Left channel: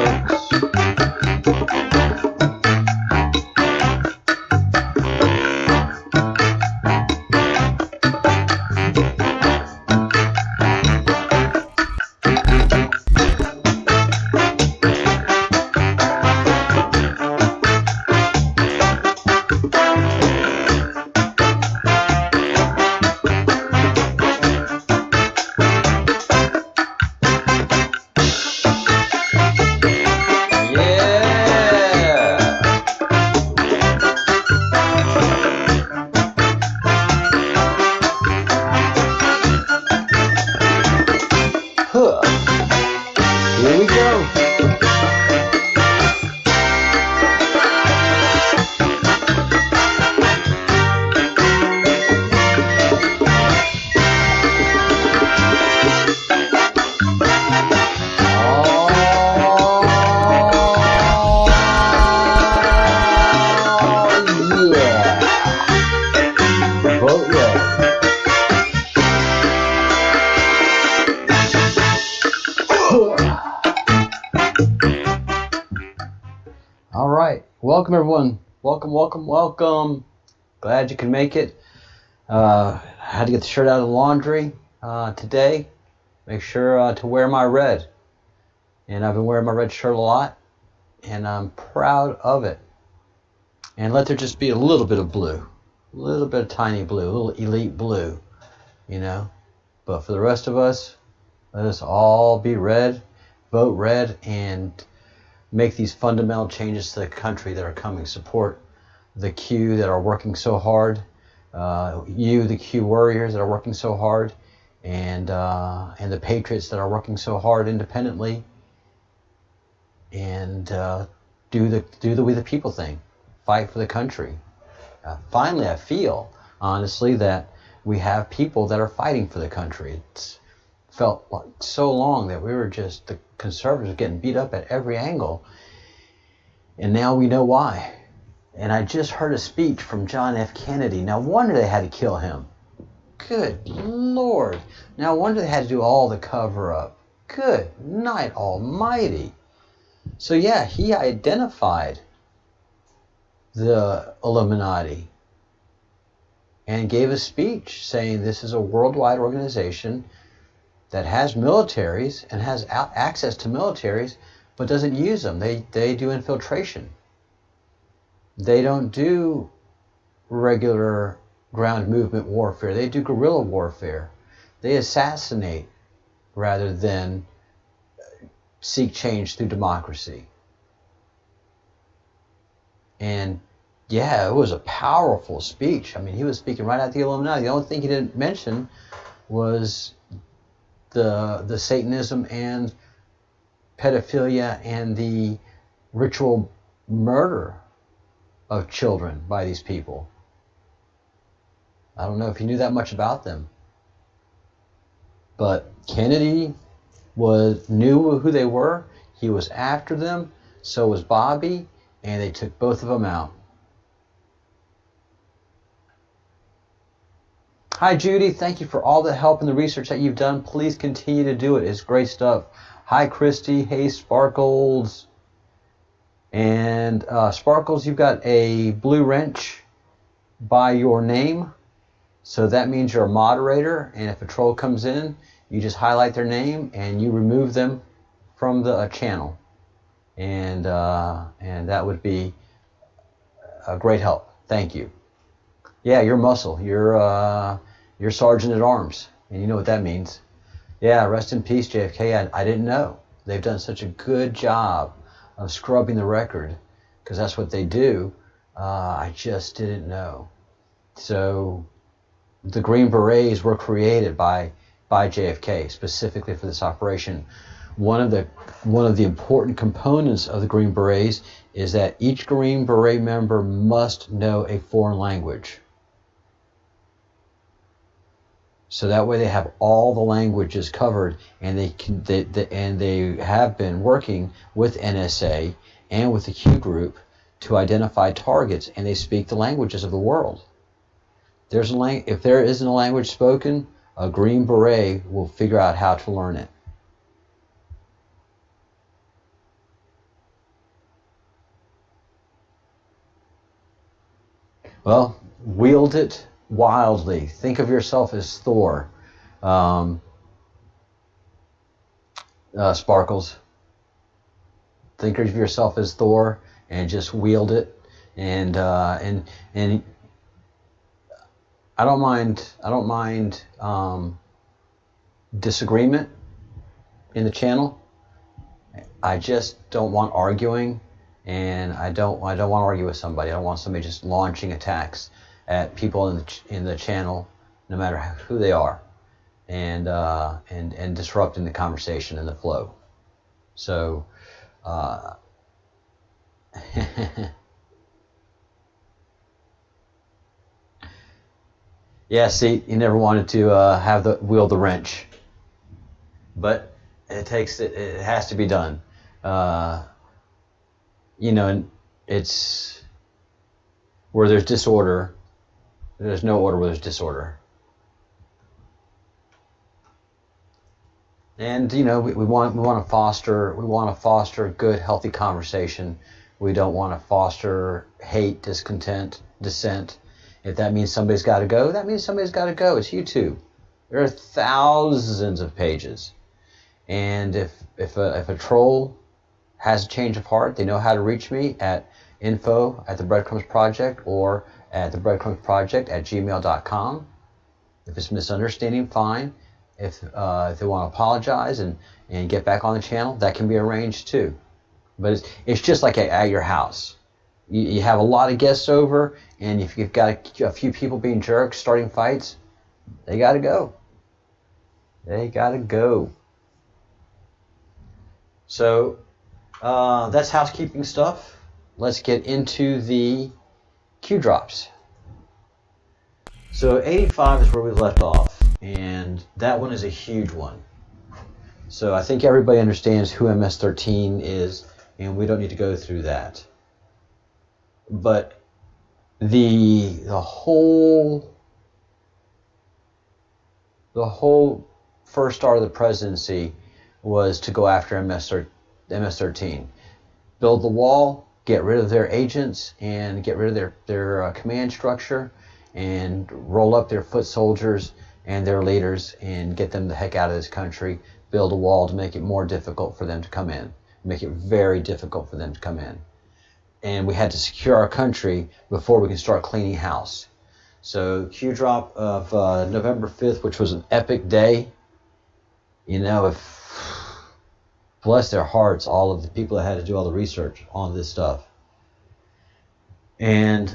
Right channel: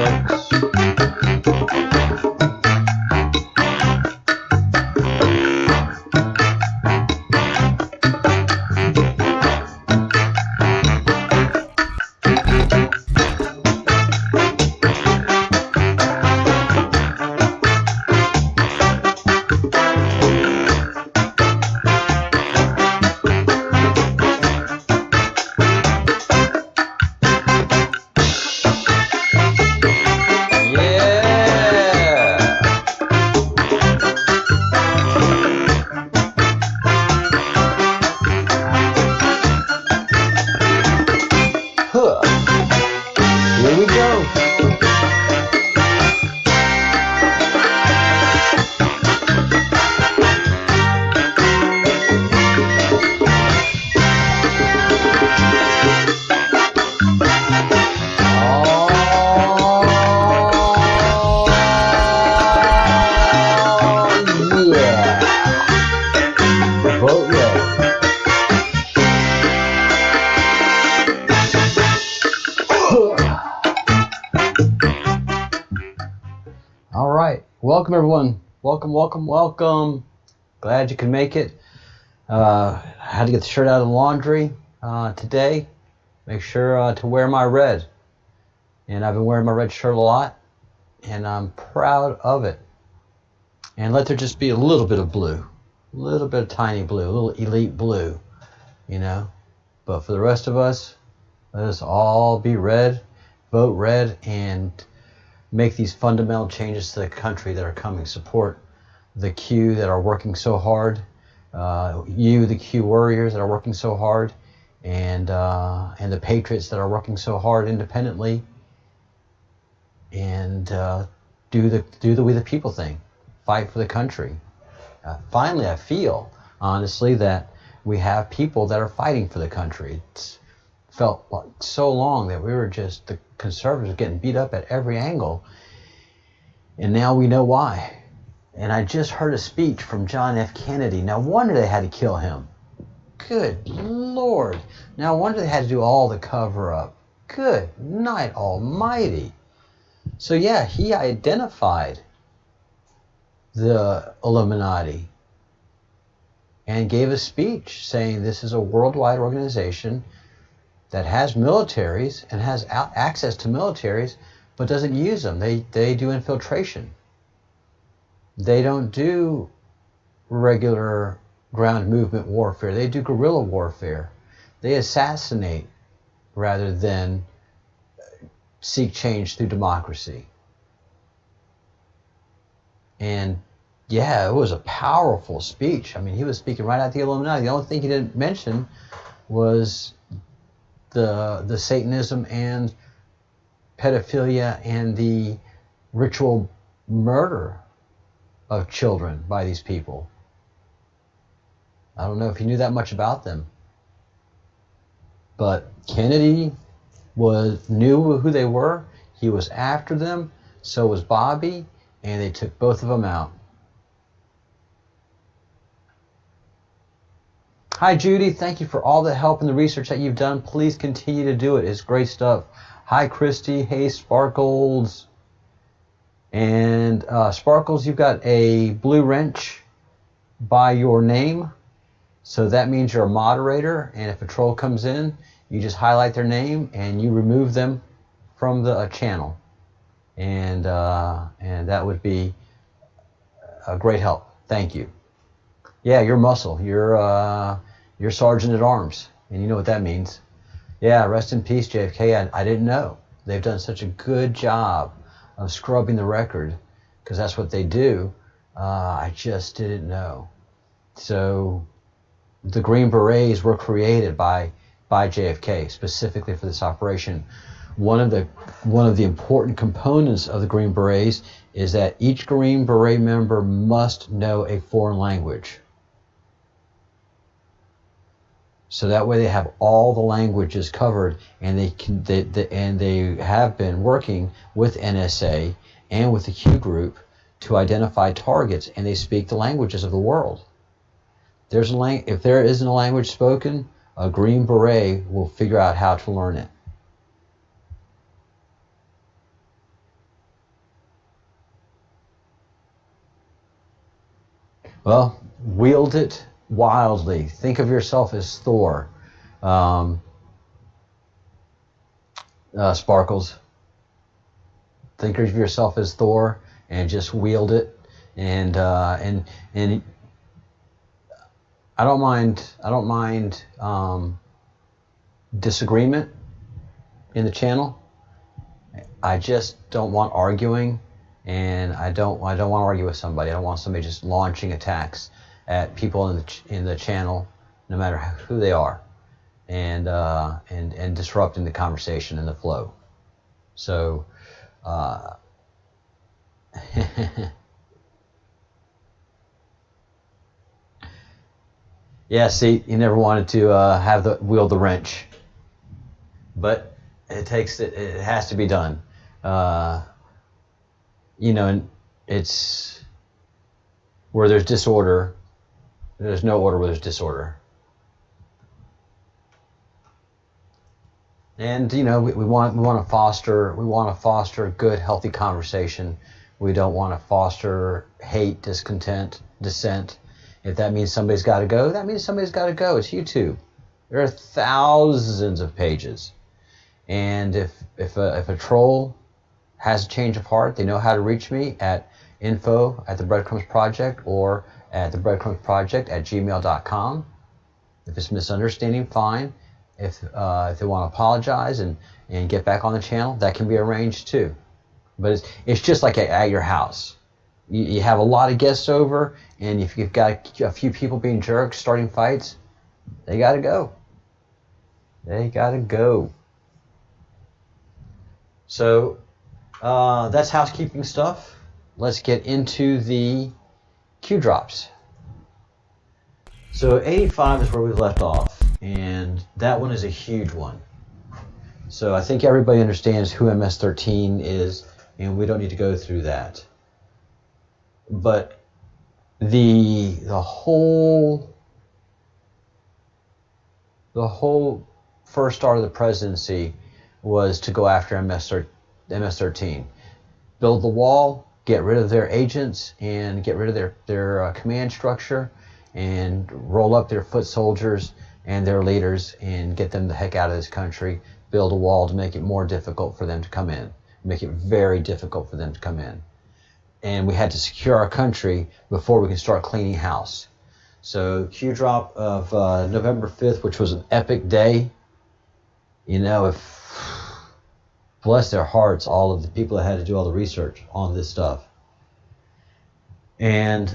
folks. Here we go. All right, welcome everyone. Welcome. Glad you could make it. I had to get the shirt out of the laundry today. Make sure to wear my red. And I've been wearing my red shirt a lot, and I'm proud of it. And let there just be a little bit of blue, a little bit of tiny blue, a little elite blue, you know. But for the rest of us, let us all be red, vote red, and make these fundamental changes to the country that are coming. Support the Q that are working so hard. The Q warriors that are working so hard, and the patriots that are working so hard independently. And do the we the people thing. Fight for the country. Finally, I feel honestly that we have people that are fighting for the country. It's felt like so long that we were just the conservatives getting beat up at every angle, and now we know why. And I just heard a speech from John F. Kennedy. No wonder they had to kill him. Good Lord. No wonder they had to do all the cover up. Good night almighty. So yeah, he identified the Illuminati and gave a speech saying this is a worldwide organization that has militaries and has access to militaries, but doesn't use them. They do infiltration. They don't do regular ground movement warfare. They do guerrilla warfare. They assassinate rather than seek change through democracy. And yeah, it was a powerful speech. I mean, he was speaking right at the Illuminati. The only thing he didn't mention was the Satanism and pedophilia and the ritual murder of children by these people. I don't know if you knew that much about them, but Kennedy knew who they were. He was after them. So was Bobby, and they took both of them out. Hi, Judy. Thank you for all the help and the research that you've done. Please continue to do it. It's great stuff. Hi, Christy. Hey, Sparkles. And Sparkles, you've got a blue wrench by your name. So that means you're a moderator. And if a troll comes in, you just highlight their name and you remove them from the channel. And that would be a great help. Thank you. Yeah, you're muscle. You're sergeant at arms, and you know what that means. Yeah, rest in peace, JFK. I didn't know. They've done such a good job of scrubbing the record, because that's what they do. I just didn't know. So the Green Berets were created by JFK specifically for this operation. One of the important components of the Green Berets is that each Green Beret member must know a foreign language. So that way they have all the languages covered, and they have been working with NSA and with the Q group to identify targets, and they speak the languages of the world. If there isn't a language spoken, a Green Beret will figure out how to learn it. Well, wield it wildly. Think of yourself as Thor. Sparkles. Think of yourself as Thor and just wield it. And I don't mind disagreement in the channel. I just don't want arguing, and I don't want to argue with somebody. I don't want somebody just launching attacks at people in the channel, no matter who they are, and disrupting the conversation and the flow. So, yeah. See, you never wanted to wield the wrench, but it has to be done. And it's where there's disorder. There's no order where there's disorder. And we want to foster good, healthy conversation. We don't want to foster hate, discontent, dissent. If that means somebody's got to go, that means somebody's got to go. It's YouTube. There are thousands of pages, and if a troll has a change of heart, they know how to reach me at info@the Breadcrumbs or at thebreadcrumbsproject@gmail.com. If it's misunderstanding, fine. If they want to apologize and get back on the channel, that can be arranged too. But it's just like at your house. You have a lot of guests over, and if you've got a few people being jerks, starting fights, they got to go. They got to go. So that's housekeeping stuff. Let's get into the Q drops. So 85 is where we left off, and that one is a huge one. So I think everybody understands who MS-13 is, and we don't need to go through that. But the whole first start of the presidency was to go after MS-13. Build the wall, get rid of their agents, and get rid of their command structure, and roll up their foot soldiers and their leaders and get them the heck out of this country. Build a wall to make it more difficult for them to come in. Make it very difficult for them to come in. And we had to secure our country before we could start cleaning house. So Q drop of November 5th, which was an epic day. Bless their hearts, all of the people that had to do all the research on this stuff. And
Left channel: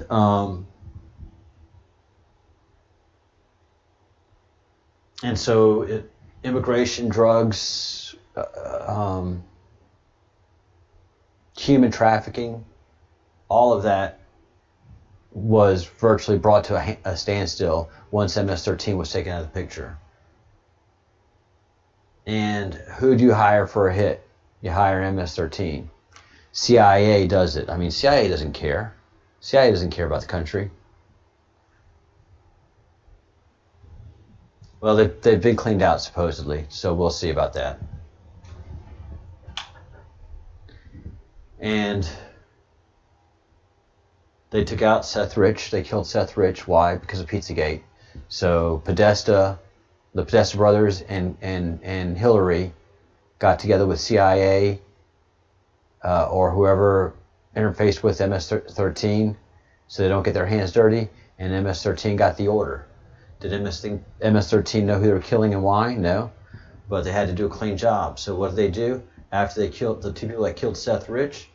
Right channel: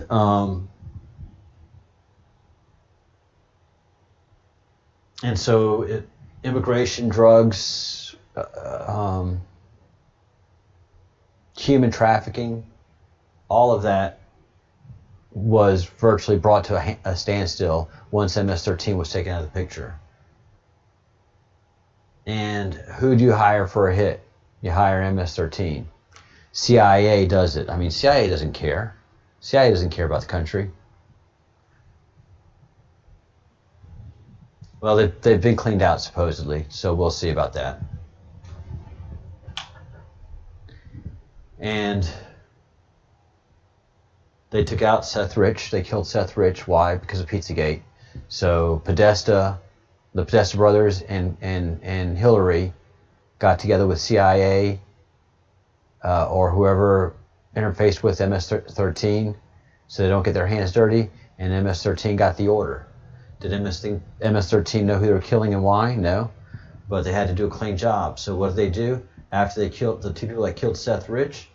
so immigration, drugs, human trafficking, all of that was virtually brought to a standstill once MS-13 was taken out of the picture. And who do you hire for a hit? You hire MS-13. CIA does it. I mean, CIA doesn't care. CIA doesn't care about the country. Well, they've been cleaned out, supposedly, so we'll see about that. And they took out Seth Rich. They killed Seth Rich. Why? Because of Pizzagate. So the Podesta brothers and Hillary got together with CIA or whoever interfaced with MS-13 so they don't get their hands dirty, and MS-13 got the order. Did MS-13 know who they were killing and why? No. But they had to do a clean job. So what did they do? After they killed the two people that killed Seth Rich,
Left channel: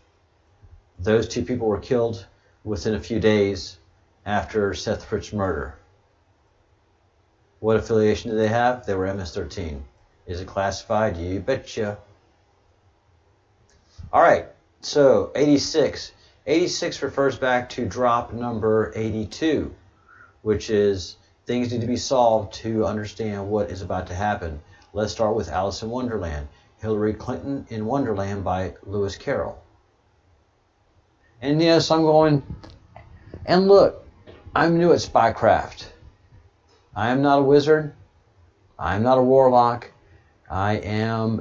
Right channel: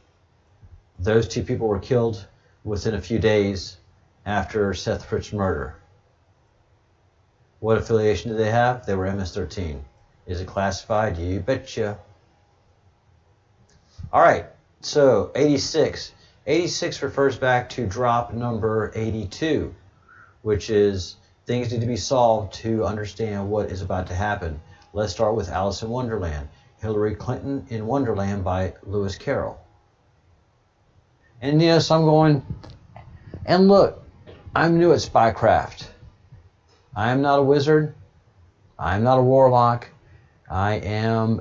those two people were killed within a few days after Seth Rich's murder. What affiliation do they have? They were MS-13. Is it classified? You betcha. All right, so 86. 86 refers back to drop number 82, which is things need to be solved to understand what is about to happen. Let's start with Alice in Wonderland. Hillary Clinton in Wonderland by Lewis Carroll. And so I'm going, and look, I'm new at spycraft. I am not a wizard. I am not a warlock. I'm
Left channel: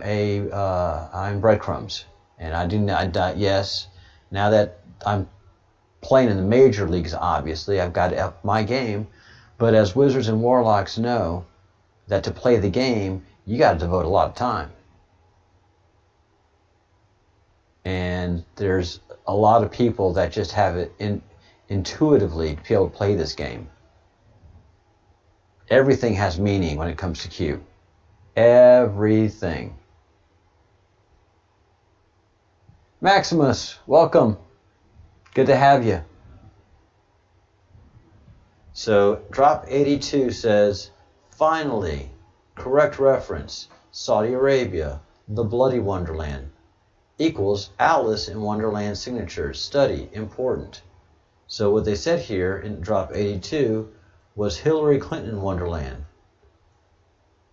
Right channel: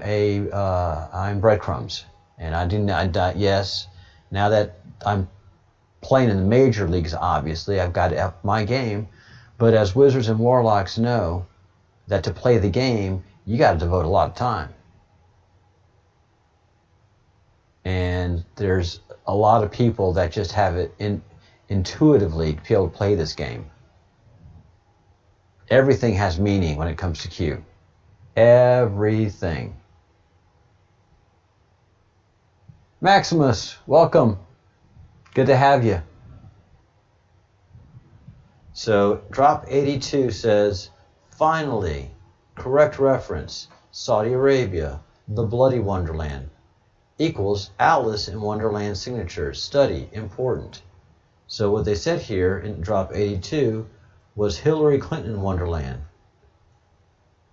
Breadcrumbs. And I do not, yes, now that I'm playing in the major leagues, obviously, I've got to up my game. But as wizards and warlocks know, that to play the game, you got to devote a lot of time. And there's a lot of people that just have it intuitively to be able to play this game. Everything has meaning when it comes to Q. Everything. Maximus, welcome. Good to have you. So, Drop 82 says, finally, correct reference, Saudi Arabia, the Bloody Wonderland, equals Alice in Wonderland signatures, study, important. So what they said here in Drop 82 was Hillary Clinton Wonderland.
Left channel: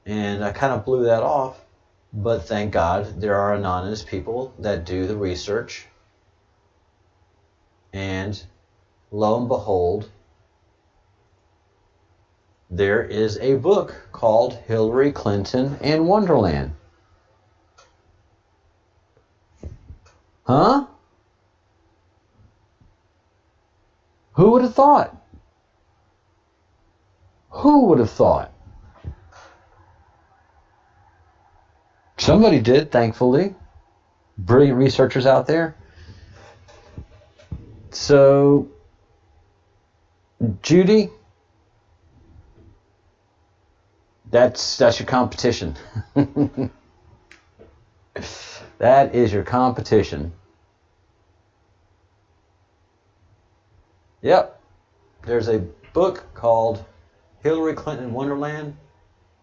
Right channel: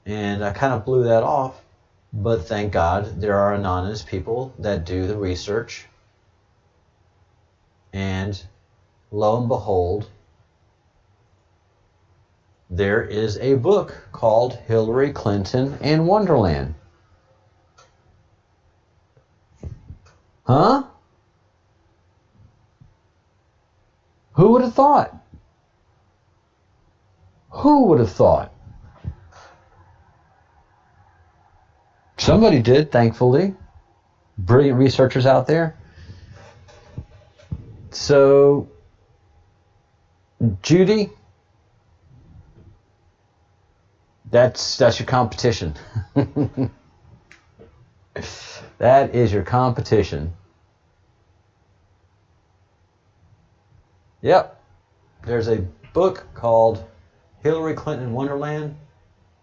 And I kind of blew that off, but thank God there are anonymous people that do the research. And lo and behold, there is a book called Hillary Clinton and Wonderland. Huh? Who would have thought? Who would have thought? Somebody did, thankfully. Brilliant researchers out there. So, Judy, that's your competition. That is your competition. Yep. There's a book called Hillary Clinton Wonderland.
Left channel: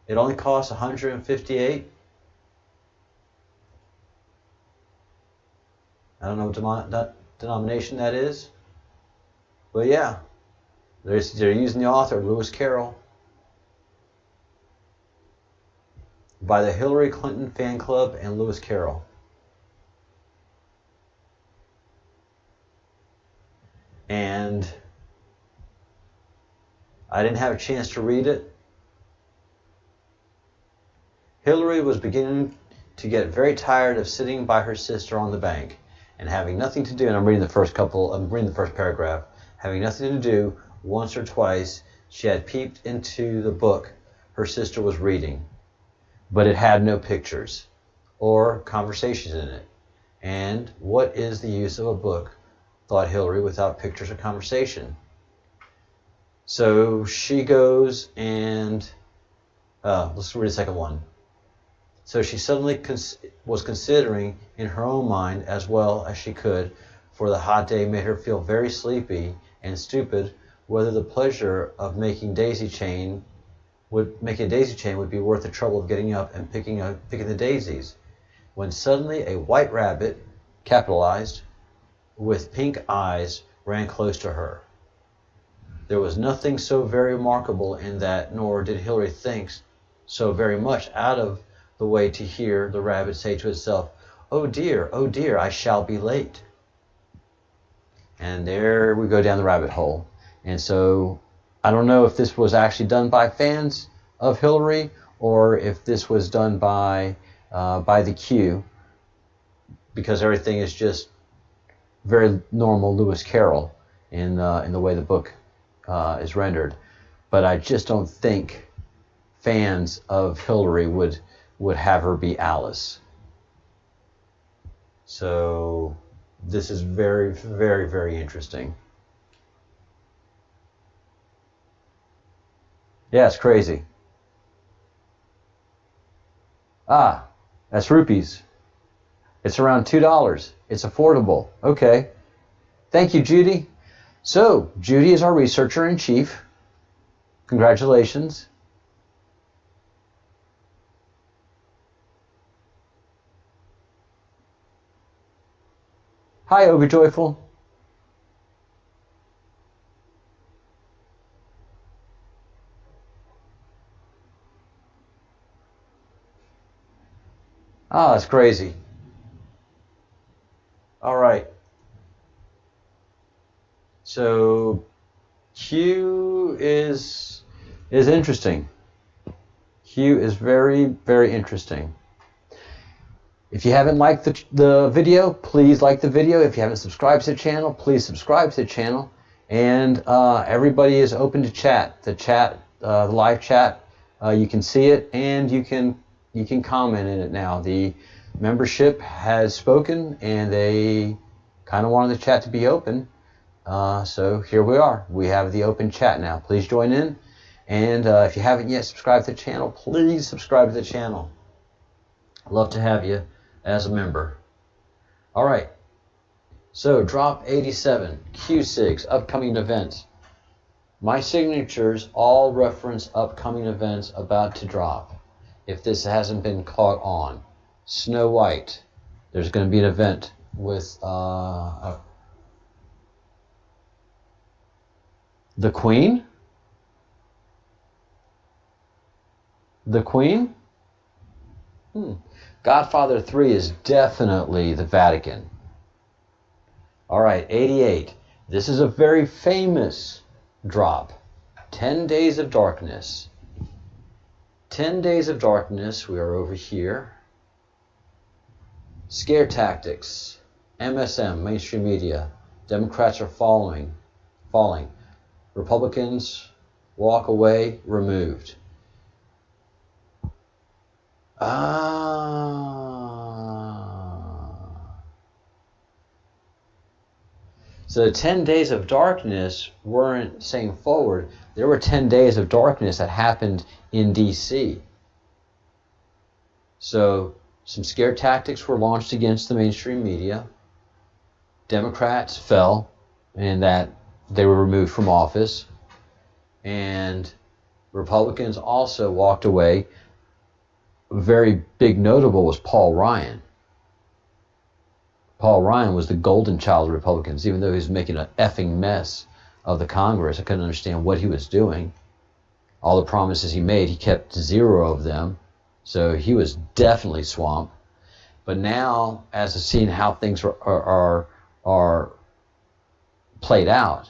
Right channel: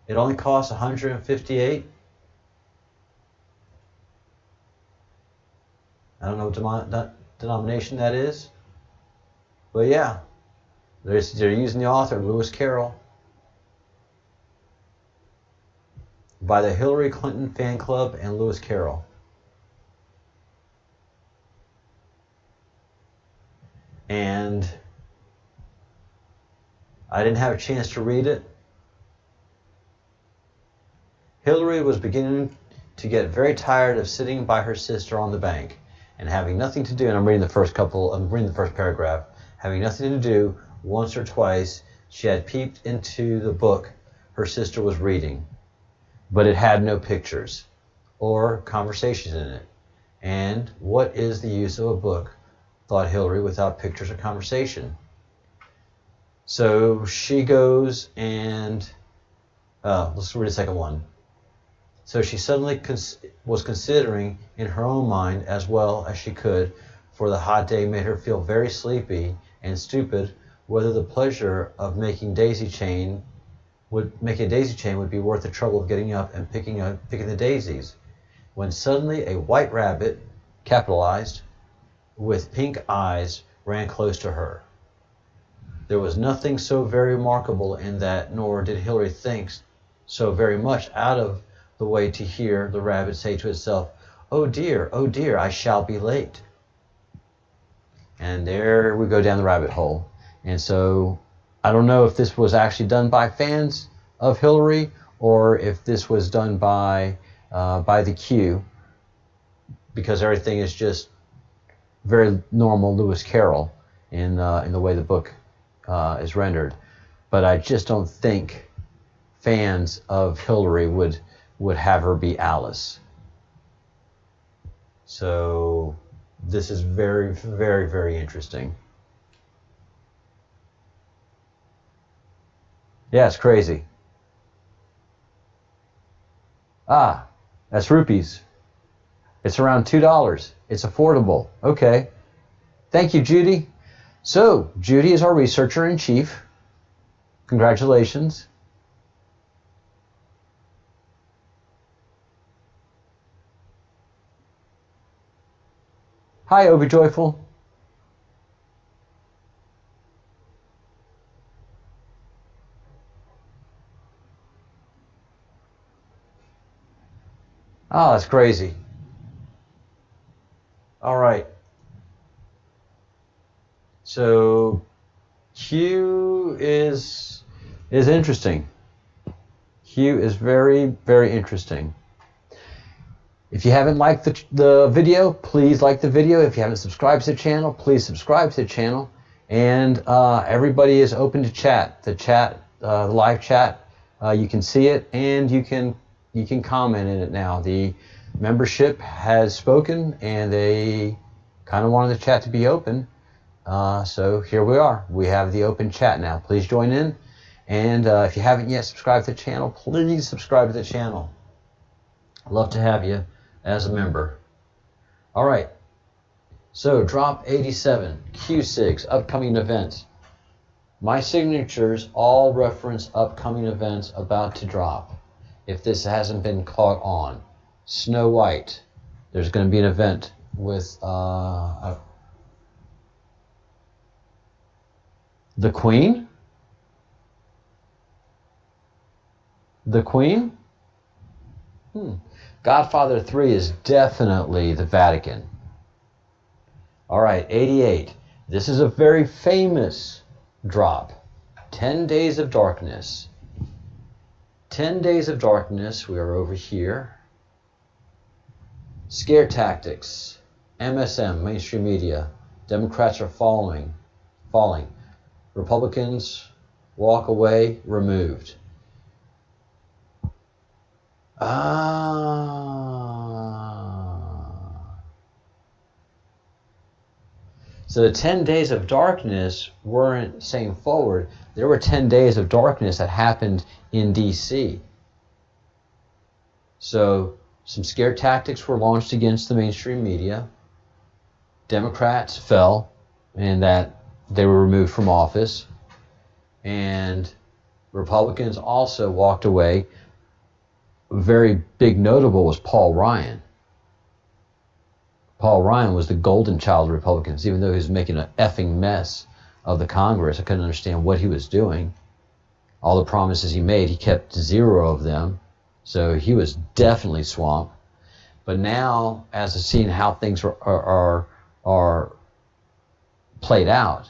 It only costs $158. I don't know what denomination that is. But yeah, they're using the author, Lewis Carroll, by the Hillary Clinton Fan Club and Lewis Carroll. And I didn't have a chance to read it. Hillary was beginning to get very tired of sitting by her sister on the bank and having nothing to do, and I'm reading the first paragraph, having nothing to do. Once or twice she had peeped into the book her sister was reading, but it had no pictures or conversations in it. And what is the use of a book, thought Hillary, without pictures or conversation? So she goes and, let's read the second one. So she suddenly was considering in her own mind, as well as she could, for the hot day made her feel very sleepy and stupid, whether the pleasure of making a daisy chain would be worth the trouble of getting up and picking the daisies, when suddenly a white rabbit, capitalized, with pink eyes, ran close to her. There was nothing so very remarkable in that, nor did Hillary think so very much out of the way to hear the rabbit say to itself, oh dear, I shall be late." And there we go down the rabbit hole. And so I don't know if this was actually done by fans of Hillary or if this was done by the Q, because everything is just very normal Lewis Carroll in the way the book is rendered. But I just don't think fans of Hillary would have her be Alice. So this is very, very, very interesting. Yeah, it's crazy. Ah, that's rupees. It's around $2. It's affordable. Okay. Thank you, Judy. So, Judy is our researcher in chief. Congratulations. Hi, Obi Joyful. Oh, that's crazy. All right. So Q is interesting. Q is very, very interesting. If you haven't liked the video, please like the video. If you haven't subscribed to the channel, please subscribe to the channel. And everybody is open to chat. The live chat, you can see it and you can comment in it now. The membership has spoken and they kind of wanted the chat to be open. So here we are. We have the open chat now. Please join in. And if you haven't yet subscribed to the channel, please subscribe to the channel. I'd love to have you as a member. All right. So drop 87, Q6, upcoming events. My signatures all reference upcoming events about to drop. If this hasn't been caught on. Snow White. There's going to be an event with the Queen? The Queen? Godfather 3 is definitely the Vatican. All right, 88. This is a very famous drop. 10 Days of Darkness. 10 Days of Darkness, we are over here. Scare tactics. MSM, mainstream media. Democrats are falling. Republicans walk away, removed. So the 10 days of darkness weren't saying forward. There were 10 days of darkness that happened in D.C. So some scare tactics were launched against the mainstream media. Democrats fell in that they were removed from office. And Republicans also walked away. Very big notable was Paul Ryan. Paul Ryan was the golden child of Republicans, even though he was making an effing mess of the Congress. I couldn't understand what he was doing. All the promises he made, he kept 0 of them. So he was definitely swamped. But now, as I've seen how things are played out,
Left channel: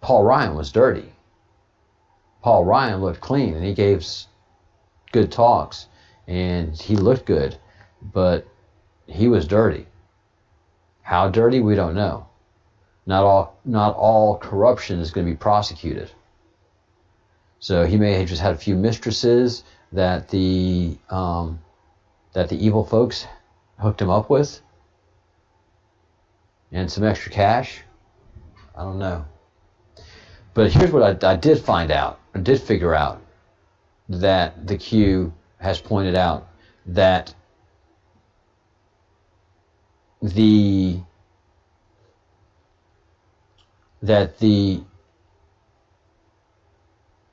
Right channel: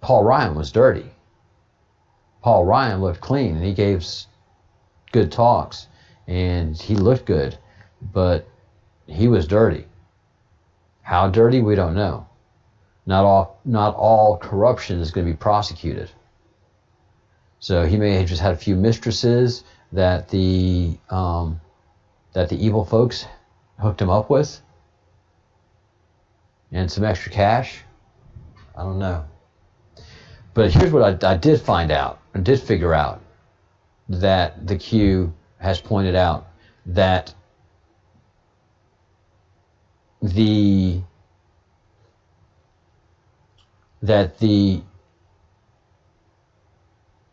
Paul Ryan was dirty. Paul Ryan looked clean, and he gave good talks, and he looked good, but he was dirty. How dirty, we don't know. Not all corruption is going to be prosecuted. So he may have just had a few mistresses that the evil folks hooked him up with, and some extra cash. I don't know. But here's what I did find out. I did figure out that the Q has pointed out that the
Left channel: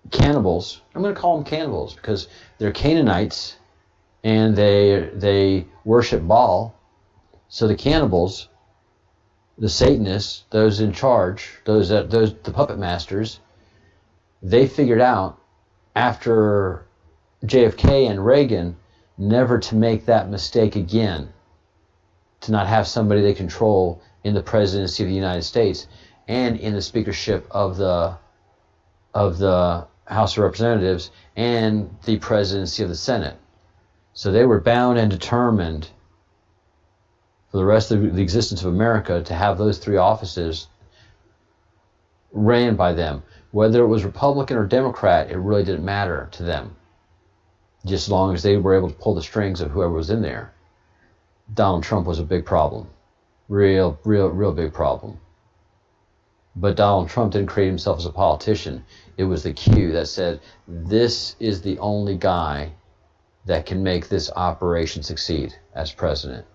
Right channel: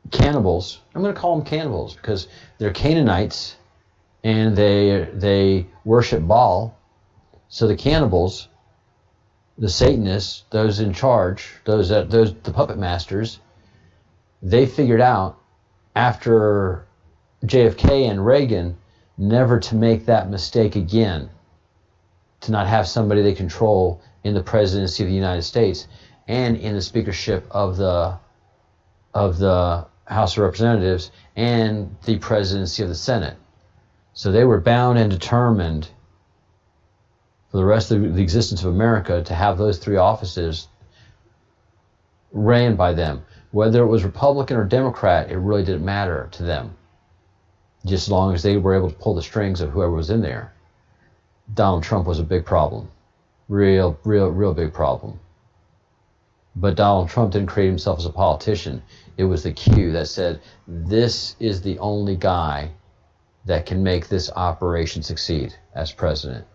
cannibals, I'm going to call them cannibals because they're Canaanites and they worship Baal. So the cannibals, the Satanists, those in charge, the puppet masters, they figured out after JFK and Reagan never to make that mistake again, to not have somebody they control in the presidency of the United States and in the speakership of the House of Representatives and the presidency of the Senate. So they were bound and determined for the rest of the existence of America to have those 3 offices ran by them. Whether it was Republican or Democrat, it really didn't matter to them, just as long as they were able to pull the strings of whoever was in there. Donald Trump was a big problem. Real big problem. But Donald Trump didn't create himself as a politician. It was the Q that said, this is the only guy that can make this operation succeed as president.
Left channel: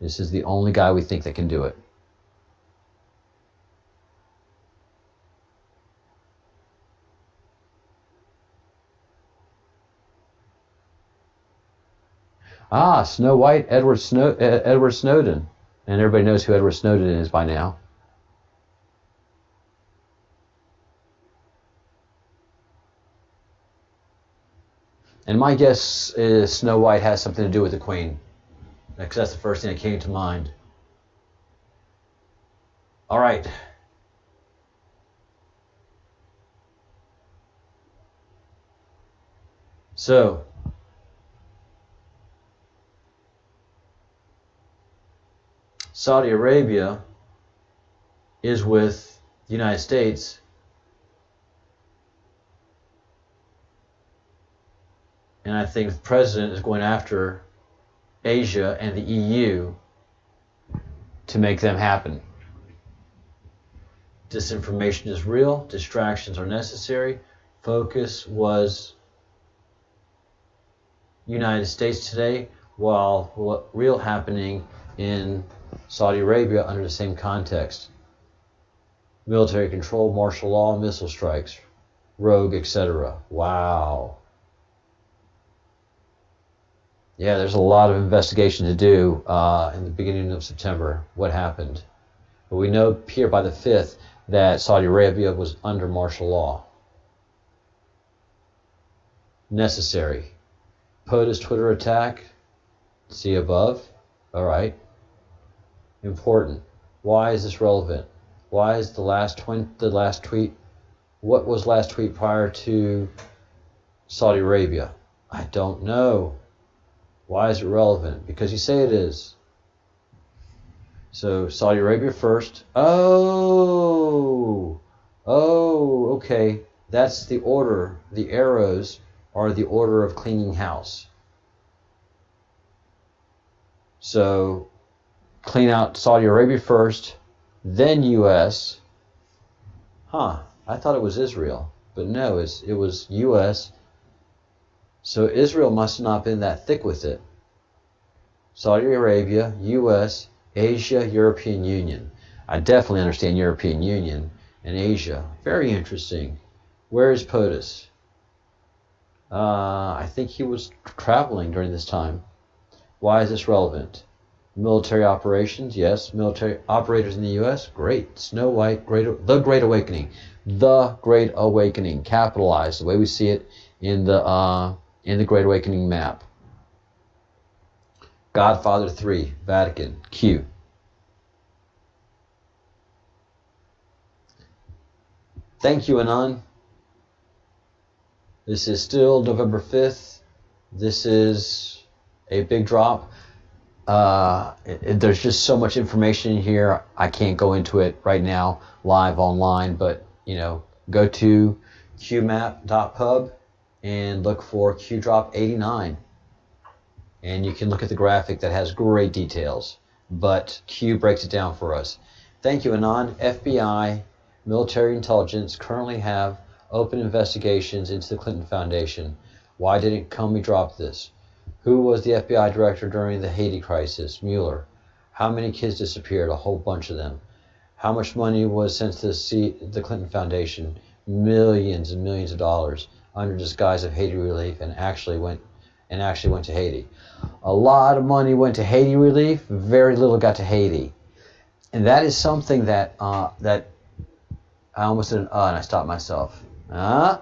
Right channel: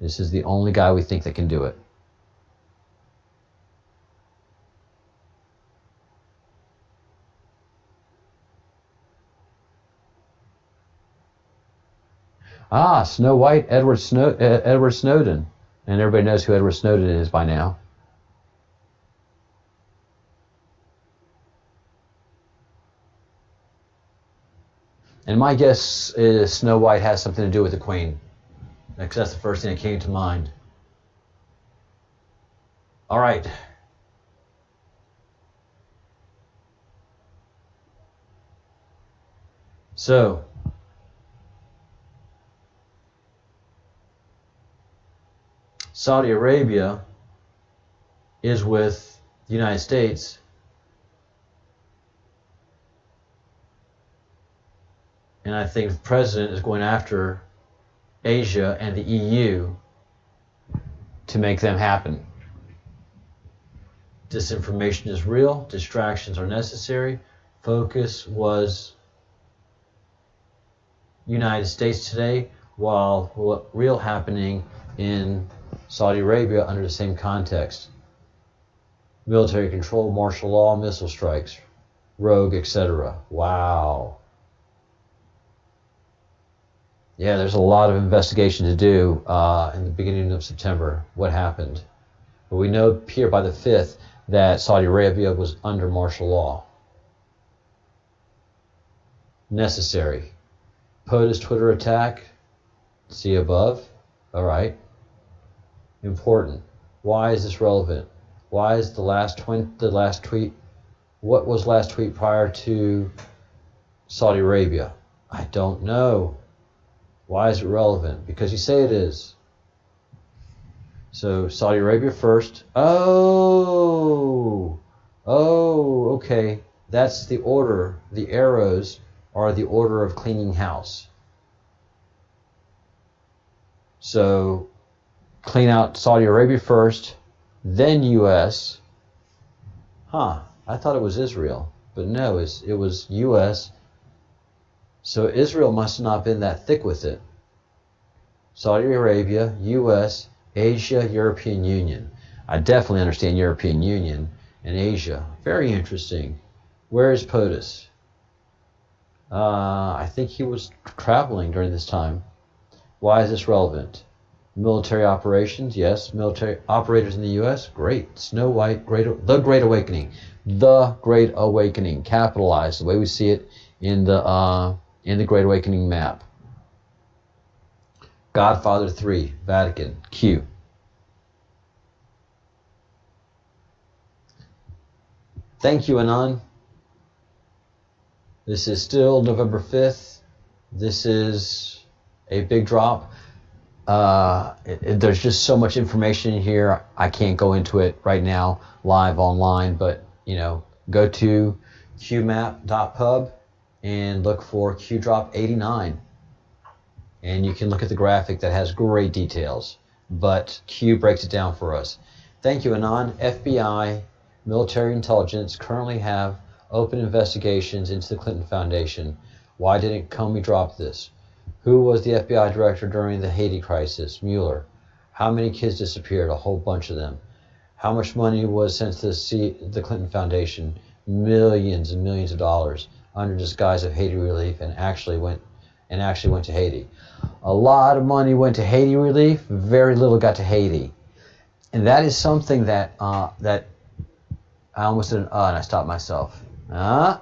This is the only guy we think that can do it. Snow White, Edward Snowden. And everybody knows who Edward Snowden is by now. And my guess is Snow White has something to do with the Queen, because that's the first thing that came to mind. All right. So, Saudi Arabia is with the United States, and I think the president is going after Asia and the EU to make them happen. Disinformation is real. Distractions are necessary. Focus was United States today, while what real happening in Saudi Arabia under the same context. Military control, martial law, missile strikes, rogue, etc. Wow. Yeah, there's a lot of investigation to do in the beginning of September. What happened? But we know here by the 5th that Saudi Arabia was under martial law. Necessary. POTUS Twitter attack. See above. All right. Important. Why is this relevant? Why is the last tweet? What was last tweet prior to Saudi Arabia? I don't know. Why is it relevant? Because you say it is. So Saudi Arabia first. Oh, okay. That's the order. The arrows are the order of cleaning house. So clean out Saudi Arabia first, then U.S. I thought it was Israel, but no, it was U.S. So Israel must have not been that thick with it. Saudi Arabia, U.S., Asia, European Union. I definitely understand European Union and Asia. Very interesting. Where is POTUS? I think he was traveling during this time. Why is this relevant? Military operations, yes. Military operators in the U.S., great. Snow White, the Great Awakening. The Great Awakening, capitalized, the way we see it in the Great Awakening map. Godfather 3, Vatican, Q. Thank you, Anon. This is still November 5th. This is a big drop. There's just so much information here. I can't go into it right now live online, but go to qmap.pub and look for QDrop 89. And you can look at the graphic that has great details, but Q breaks it down for us. Thank you, Anon. FBI, military intelligence currently have open investigations into the Clinton Foundation. Why didn't Comey drop this? Who was the FBI director during the Haiti crisis? Mueller. How many kids disappeared? A whole bunch of them. How much money was sent to the Clinton Foundation? Millions and millions of dollars under disguise of Haiti relief, and actually went to Haiti. A lot of money went to Haiti relief. Very little got to Haiti, and that is something that that I almost did and I stopped myself. Yeah.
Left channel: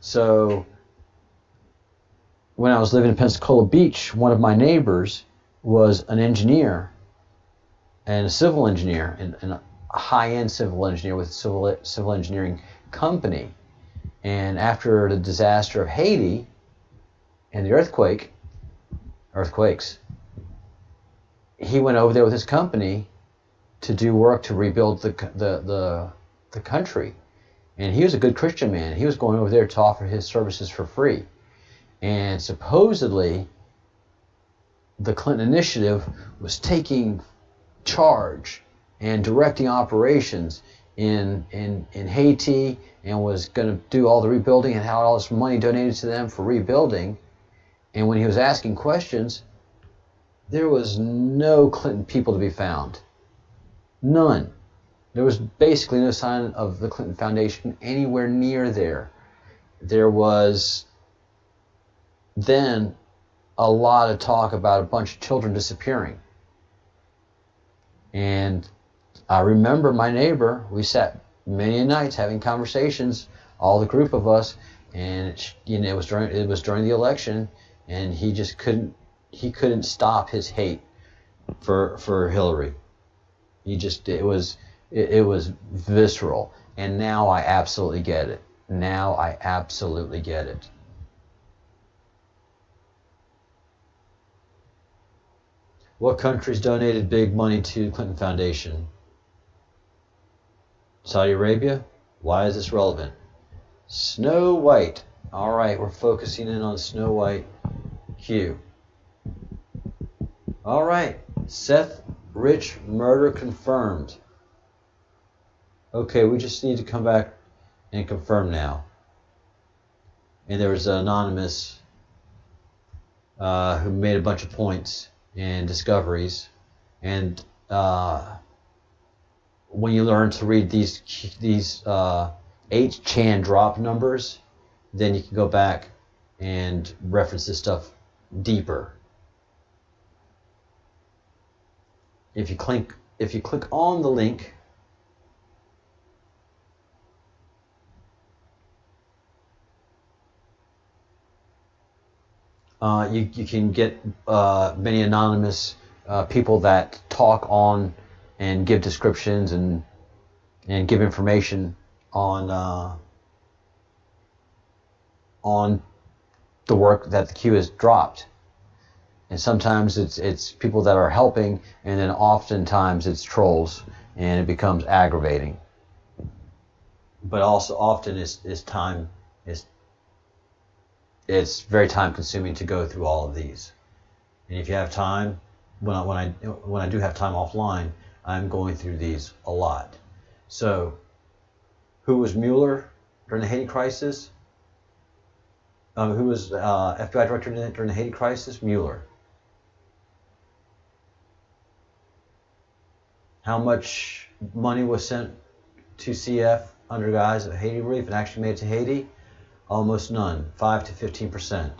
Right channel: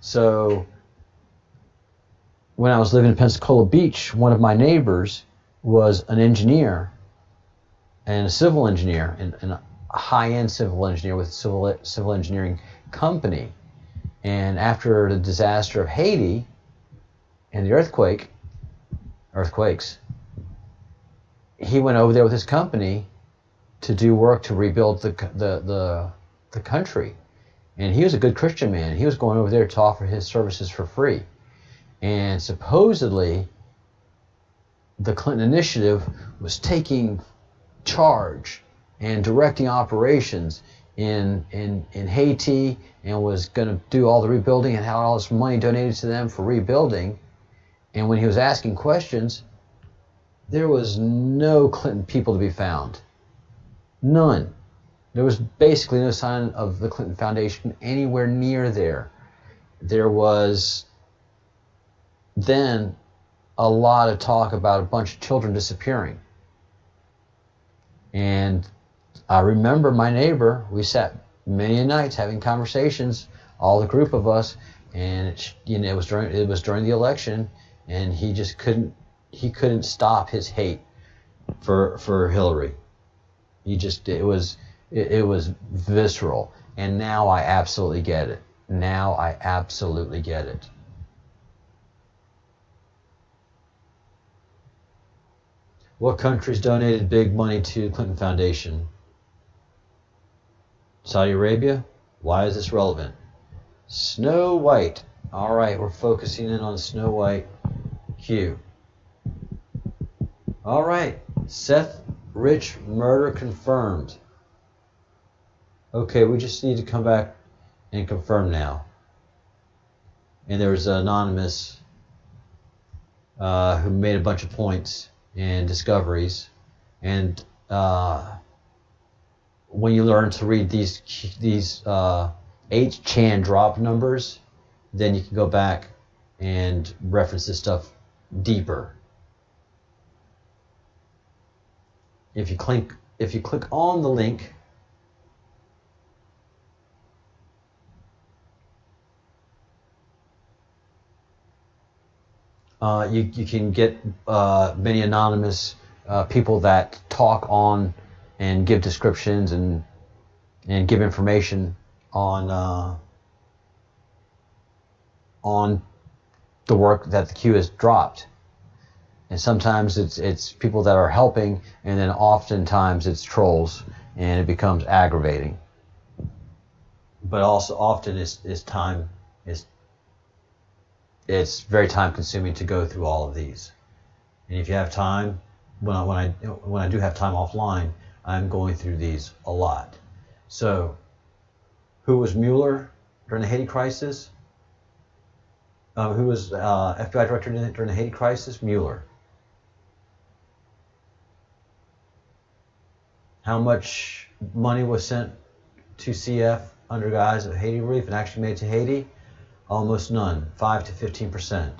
So when I was living in Pensacola Beach, one of my neighbors was an engineer and a civil engineer, and a high-end civil engineer with a civil engineering company. And after the disaster of Haiti and the earthquakes, he went over there with his company to do work to rebuild the country. And he was a good Christian man. He was going over there to offer his services for free. And supposedly, the Clinton initiative was taking charge and directing operations in Haiti, and was going to do all the rebuilding and had all this money donated to them for rebuilding. And when he was asking questions, there was no Clinton people to be found. None. There was basically no sign of the Clinton Foundation anywhere near there. There was then a lot of talk about a bunch of children disappearing. And I remember my neighbor, we sat many nights having conversations, all the group of us, and it was during the election, and he couldn't stop his hate for Hillary. It was visceral, and now I absolutely get it. Now I absolutely get it. What countries donated big money to the Clinton Foundation? Saudi Arabia? Why is this relevant? Snow White. All right, we're focusing in on Snow White. Q. All right, Seth Rich murder confirmed. Okay, we just need to come back and confirm now. And there was an anonymous who made a bunch of points and discoveries. And when you learn to read these 8chan drop numbers, then you can go back and reference this stuff deeper. If you click on the link, you can get many anonymous people that talk on and give descriptions and give information on the work that the Q has dropped. And sometimes it's people that are helping, and then oftentimes it's trolls, and it becomes aggravating. But also often it's very time consuming to go through all of these. And if you have time, when I do have time offline, I'm going through these a lot. So, who was Mueller during the Haiti crisis? Who was FBI director during the Haiti crisis? Mueller. How much money was sent to CF under guise of Haiti relief and actually made it to Haiti? Almost none, 5 to 15%.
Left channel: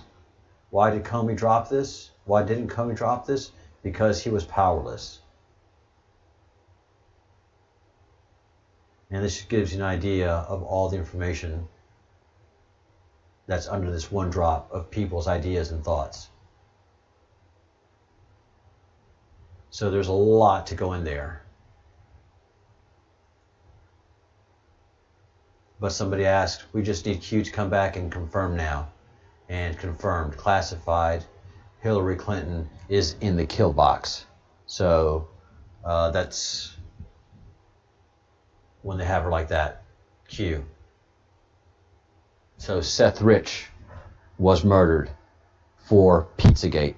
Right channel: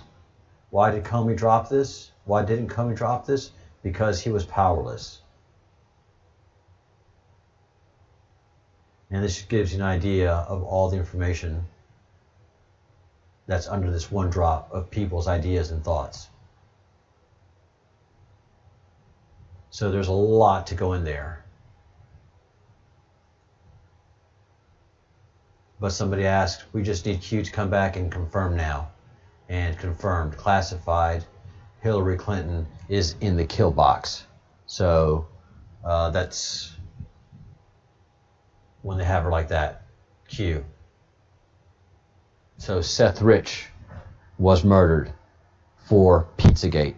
Why did Comey drop this? Why didn't Comey drop this? Because he was powerless. And this just gives you an idea of all the information that's under this one drop of people's ideas and thoughts. So there's a lot to go in there. But somebody asked, we just need Q to come back and confirm now. And confirmed, classified, Hillary Clinton is in the kill box. So that's when they have her like that, Q. So Seth Rich was murdered for Pizzagate.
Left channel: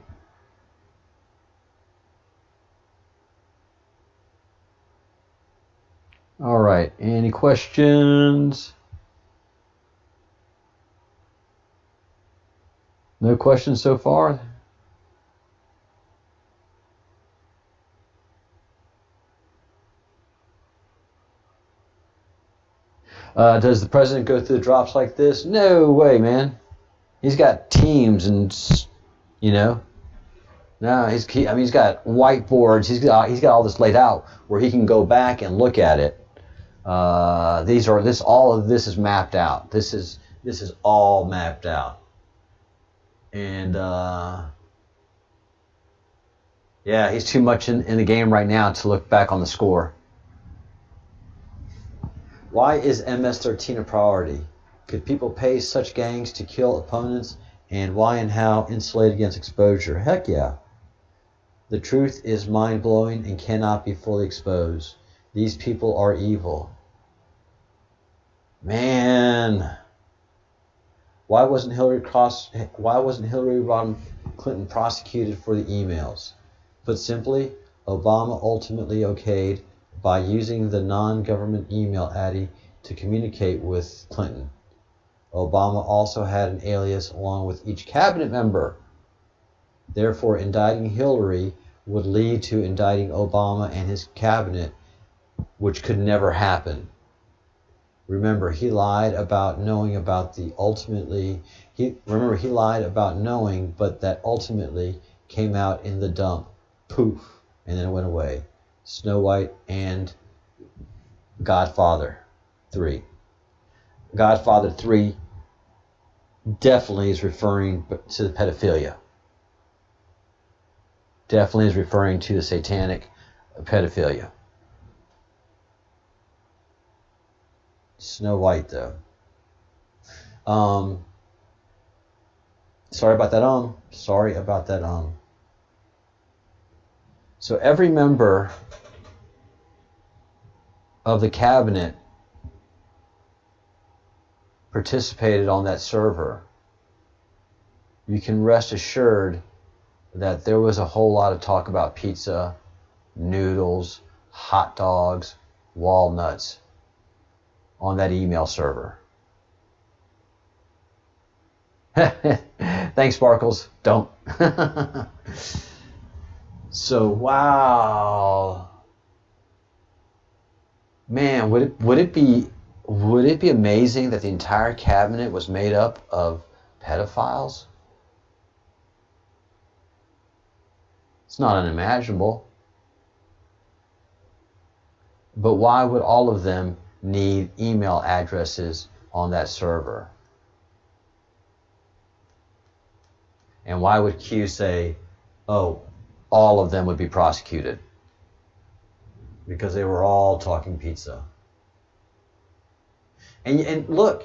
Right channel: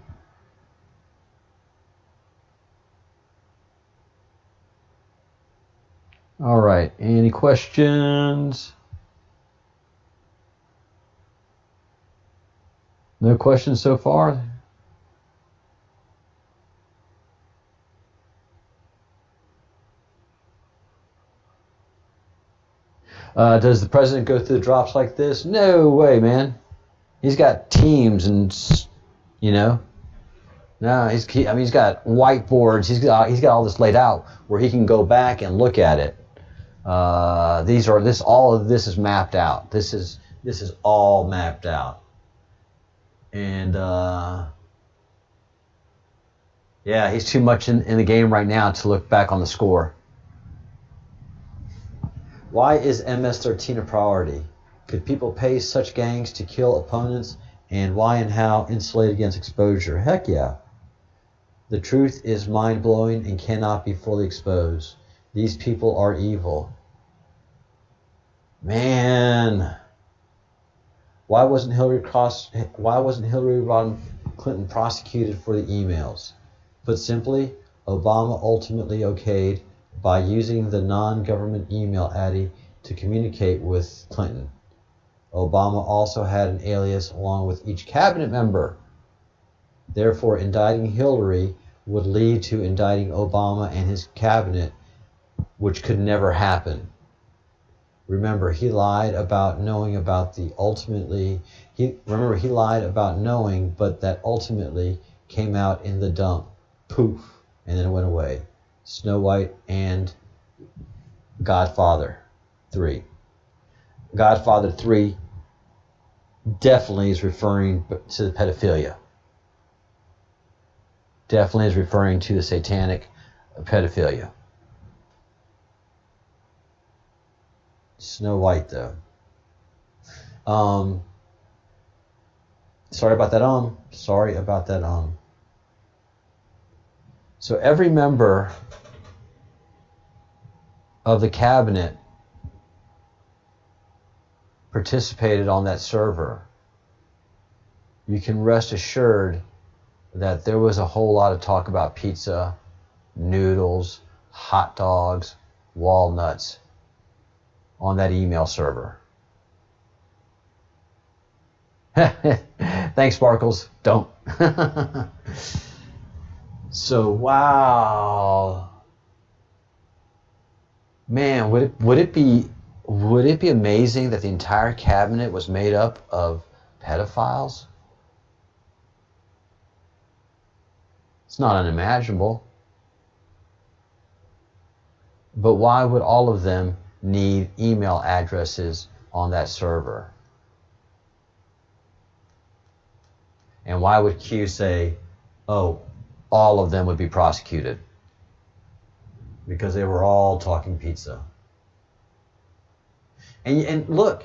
All right, any questions? No questions so far? Does the president go through the drops like this? No way, man. He's got teams and, you know. No, he's got whiteboards. He's got all this laid out where he can go back and look at it. All of this is mapped out. This is all mapped out. And yeah, he's too much in the game right now to look back on the score. Why is MS-13 a priority? Could people pay such gangs to kill opponents? And why and how insulate against exposure? Heck yeah. The truth is mind-blowing and cannot be fully exposed. These people are evil. Man. Why wasn't Hillary Rodham Clinton prosecuted for the emails? Put simply, Obama ultimately okayed by using the non-government email Addy to communicate with Clinton. Obama also had an alias along with each cabinet member. Therefore, indicting Hillary would lead to indicting Obama and his cabinet, which could never happen. Remember, he lied about knowing about the ultimately. He lied about knowing, but that ultimately came out in the dump. Poof, and then it went away. Snow White and Godfather 3. Godfather 3 definitely is referring to the pedophilia. Definitely is referring to the satanic pedophilia. Snow White, though. Sorry about that. So every member of the cabinet participated on that server. You can rest assured that there was a whole lot of talk about pizza, noodles, hot dogs, walnuts on that email server. Thanks, Sparkles. Don't. So, wow. Man, would it be amazing that the entire cabinet was made up of pedophiles? It's not unimaginable. But why would all of them need email addresses on that server? And why would Q say, oh, all of them would be prosecuted? Because they were all talking pizza. And look,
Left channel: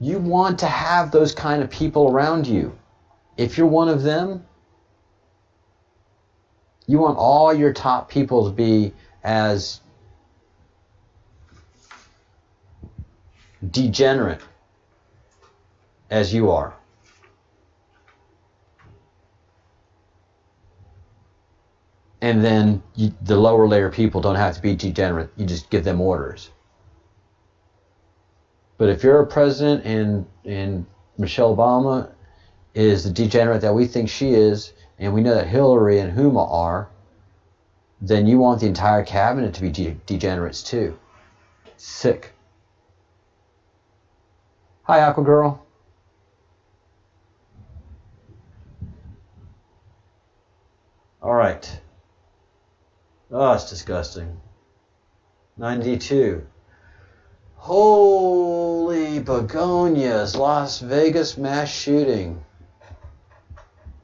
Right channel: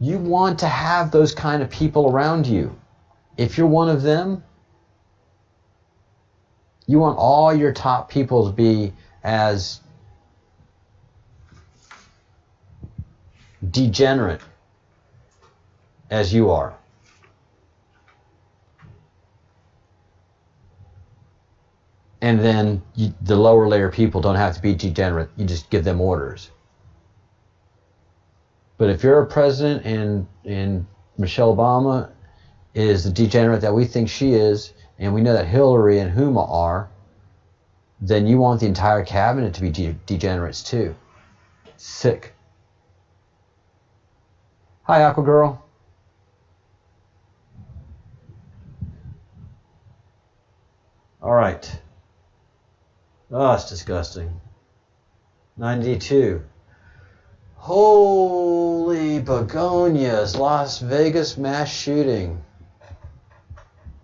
you want to have those kind of people around you. If you're one of them, you want all your top people to be as degenerate as you are. And then the lower layer people don't have to be degenerate. You just give them orders. But if you're a president and Michelle Obama is the degenerate that we think she is, and we know that Hillary and Huma are, then you want the entire cabinet to be degenerates too. Sick. Hi, Aqua Girl. All right. Oh, it's disgusting. 92. Holy begonias, Las Vegas mass shooting.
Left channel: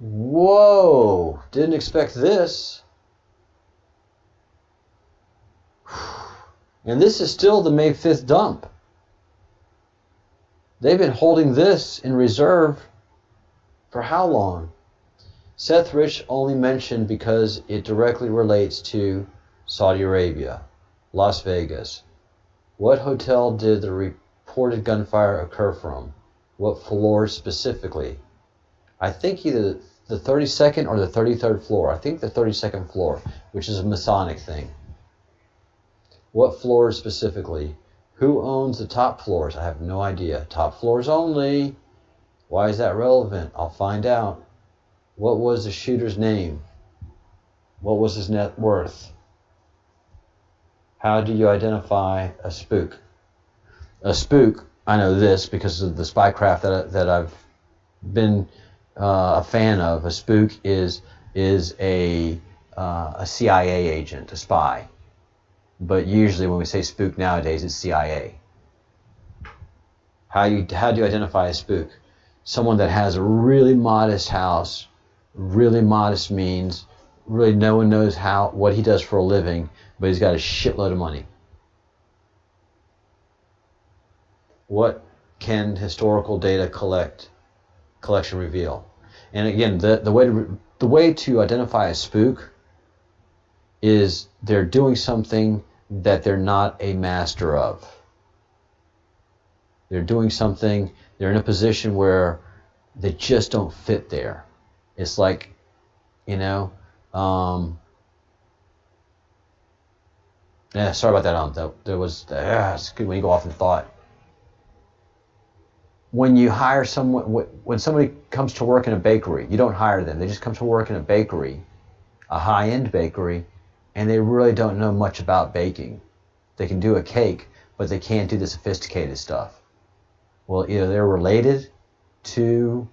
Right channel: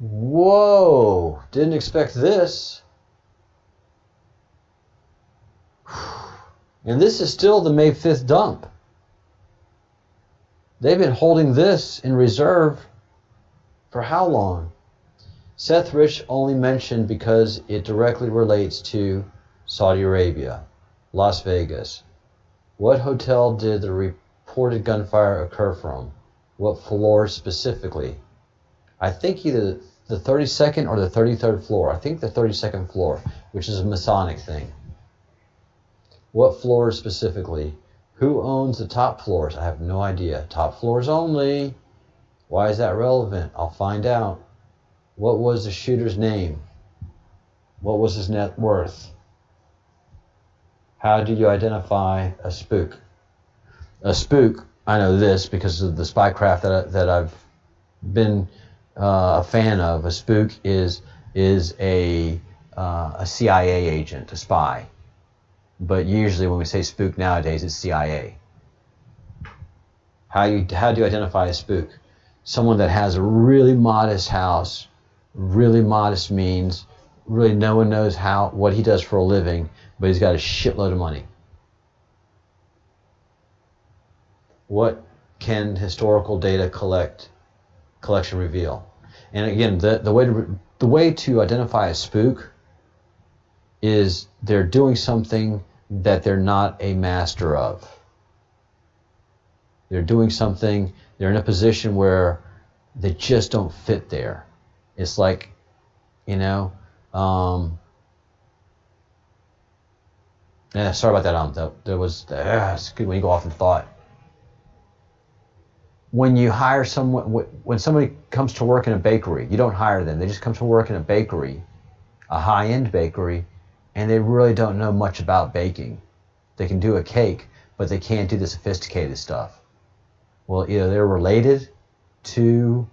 Whoa, didn't expect this. And this is still the May 5th dump. They've been holding this in reserve for how long? Seth Rich only mentioned because it directly relates to Saudi Arabia, Las Vegas. What hotel did the reported gunfire occur from? What floor specifically? I think either the 32nd or the 33rd floor. I think the 32nd floor, which is a Masonic thing. What floors specifically? Who owns the top floors? I have no idea. Top floors only. Why is that relevant? I'll find out. What was the shooter's name? What was his net worth? How do you identify a spook? A spook, I know this because of the spycraft that I've been a fan of. A spook is a CIA agent, a spy. But usually when we say spook nowadays, it's CIA. How do you identify a spook? Someone that has a really modest house, really modest means, really no one knows what he does for a living, but he's got a shitload of money. What can historical data collection reveal? And again, the way to identify a spook is they're doing something that they're not a master of. They're doing something, they're in a position where they just don't fit there. It's like, yeah, sorry about that. There was, it's good when you go off in thought. When you hire someone, when somebody comes to work in a bakery, you don't hire them. They just come to work in a bakery, a high-end bakery, and they really don't know much about baking. They can do a cake, but they can't do the sophisticated stuff. Well, either they're related to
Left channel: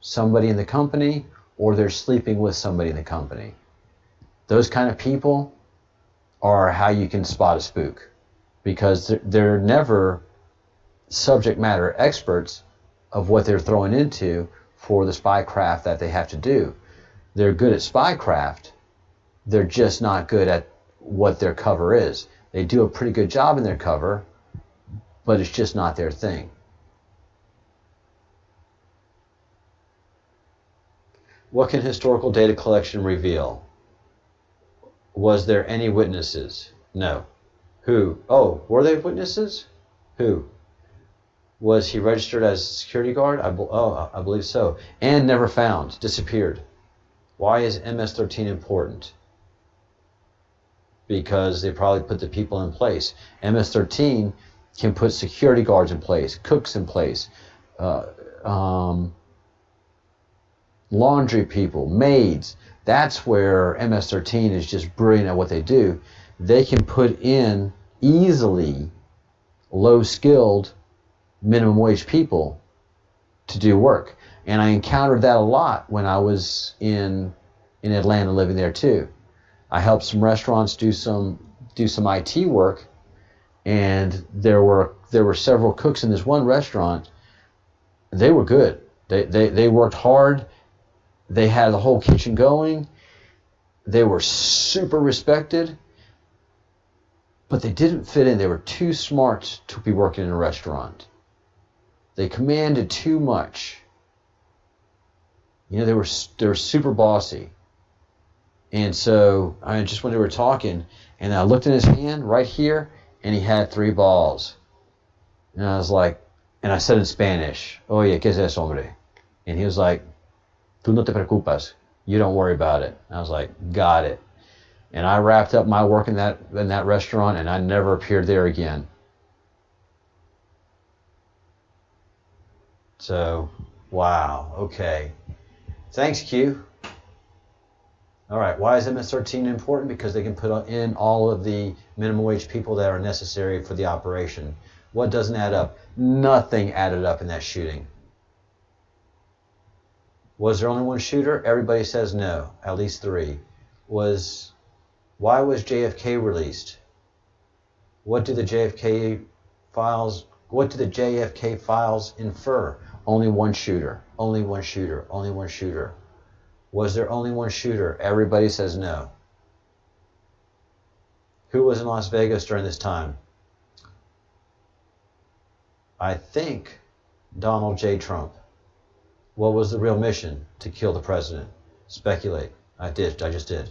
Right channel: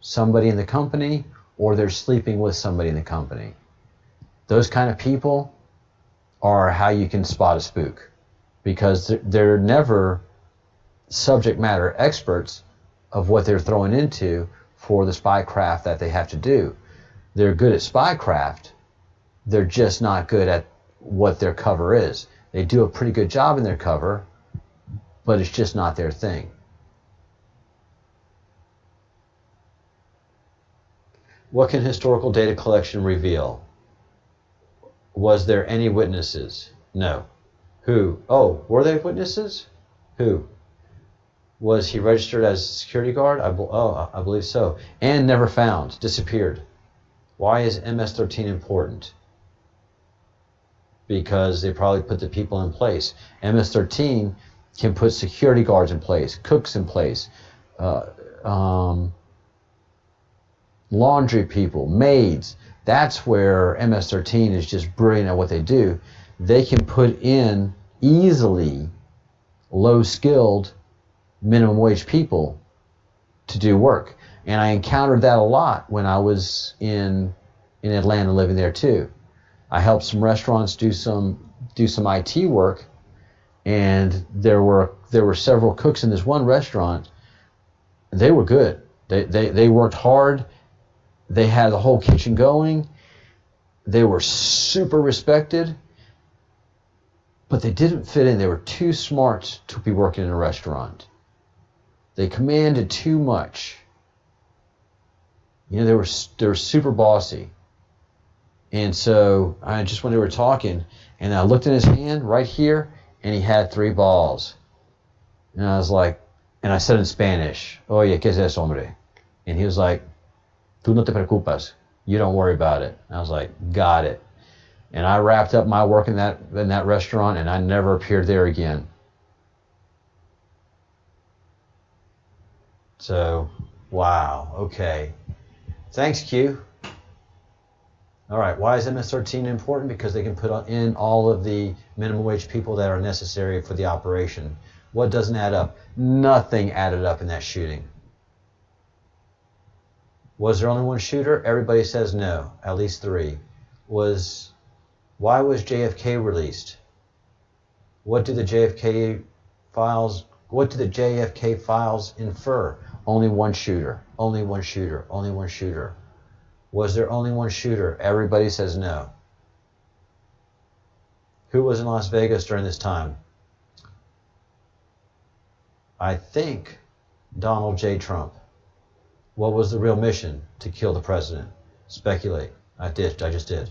somebody in the company or they're sleeping with somebody in the company. Those kind of people are how you can spot a spook, because they're never subject matter experts of what they're throwing into for the spycraft that they have to do. They're good at spycraft. They're just not good at what their cover is. They do a pretty good job in their cover, but it's just not their thing. What can historical data collection reveal? Was there any witnesses? No. Who? Oh, were they witnesses? Who? Was he registered as a security guard? I believe so. And never found. Disappeared. Why is MS-13 important? Because they probably put the people in place. MS-13 can put security guards in place, cooks in place, laundry people, maids. That's where MS-13 is just brilliant at what they do. They can put in easily low-skilled minimum wage people to do work. And I encountered that a lot when I was in Atlanta living there too. I helped some restaurants do some IT work, and there were several cooks in this one restaurant. They were good. They worked hard. They had the whole kitchen going. They were super respected, but they didn't fit in. They were too smart to be working in a restaurant. They commanded too much. You know, they were super bossy. And so when they were talking, and I looked in his hand right here, and he had 3 balls. And I was like, and I said in Spanish, "Oye, ¿qué es eso, hombre?" And he was like, "Tú no te preocupas. You don't worry about it." And I was like, "Got it." And I wrapped up my work in that restaurant, and I never appeared there again. So, wow, okay. Thanks, Q. All right, why is MS-13 important? Because they can put in all of the minimum wage people that are necessary for the operation. What doesn't add up? Nothing added up in that shooting. Was there only one shooter? Everybody says no, at least 3. Why was JFK released? What do the JFK files infer? Only one shooter, only one shooter, only one shooter. Was there only one shooter? Everybody says no. Who was in Las Vegas during this time? I think Donald J. Trump. What was the real mission? To kill the president. Speculate. I just did.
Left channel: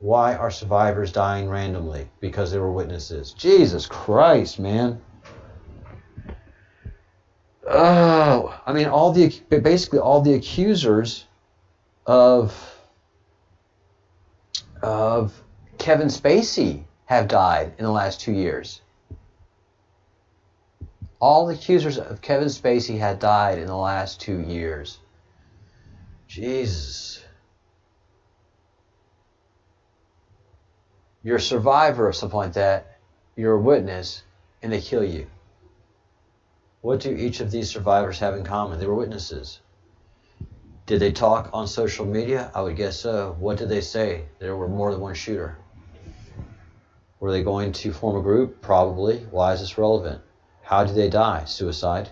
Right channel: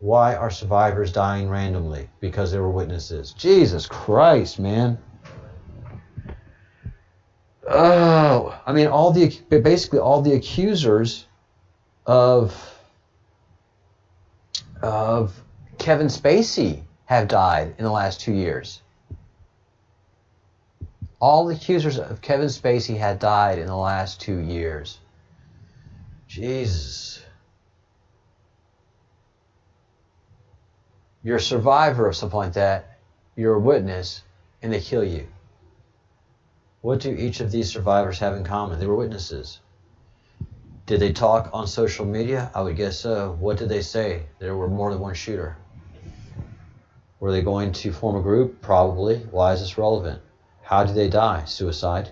Why are survivors dying randomly? Because they were witnesses. Jesus Christ, man. Oh, I mean, basically all the accusers of Kevin Spacey have died in the last 2 years. All the accusers of Kevin Spacey had died in the last 2 years. Jesus. You're a survivor of something like that. You're a witness, and they kill you. What do each of these survivors have in common? They were witnesses. Did they talk on social media? I would guess so. What did they say? There were more than one shooter. Were they going to form a group? Probably. Why is this relevant? How did they die? Suicide.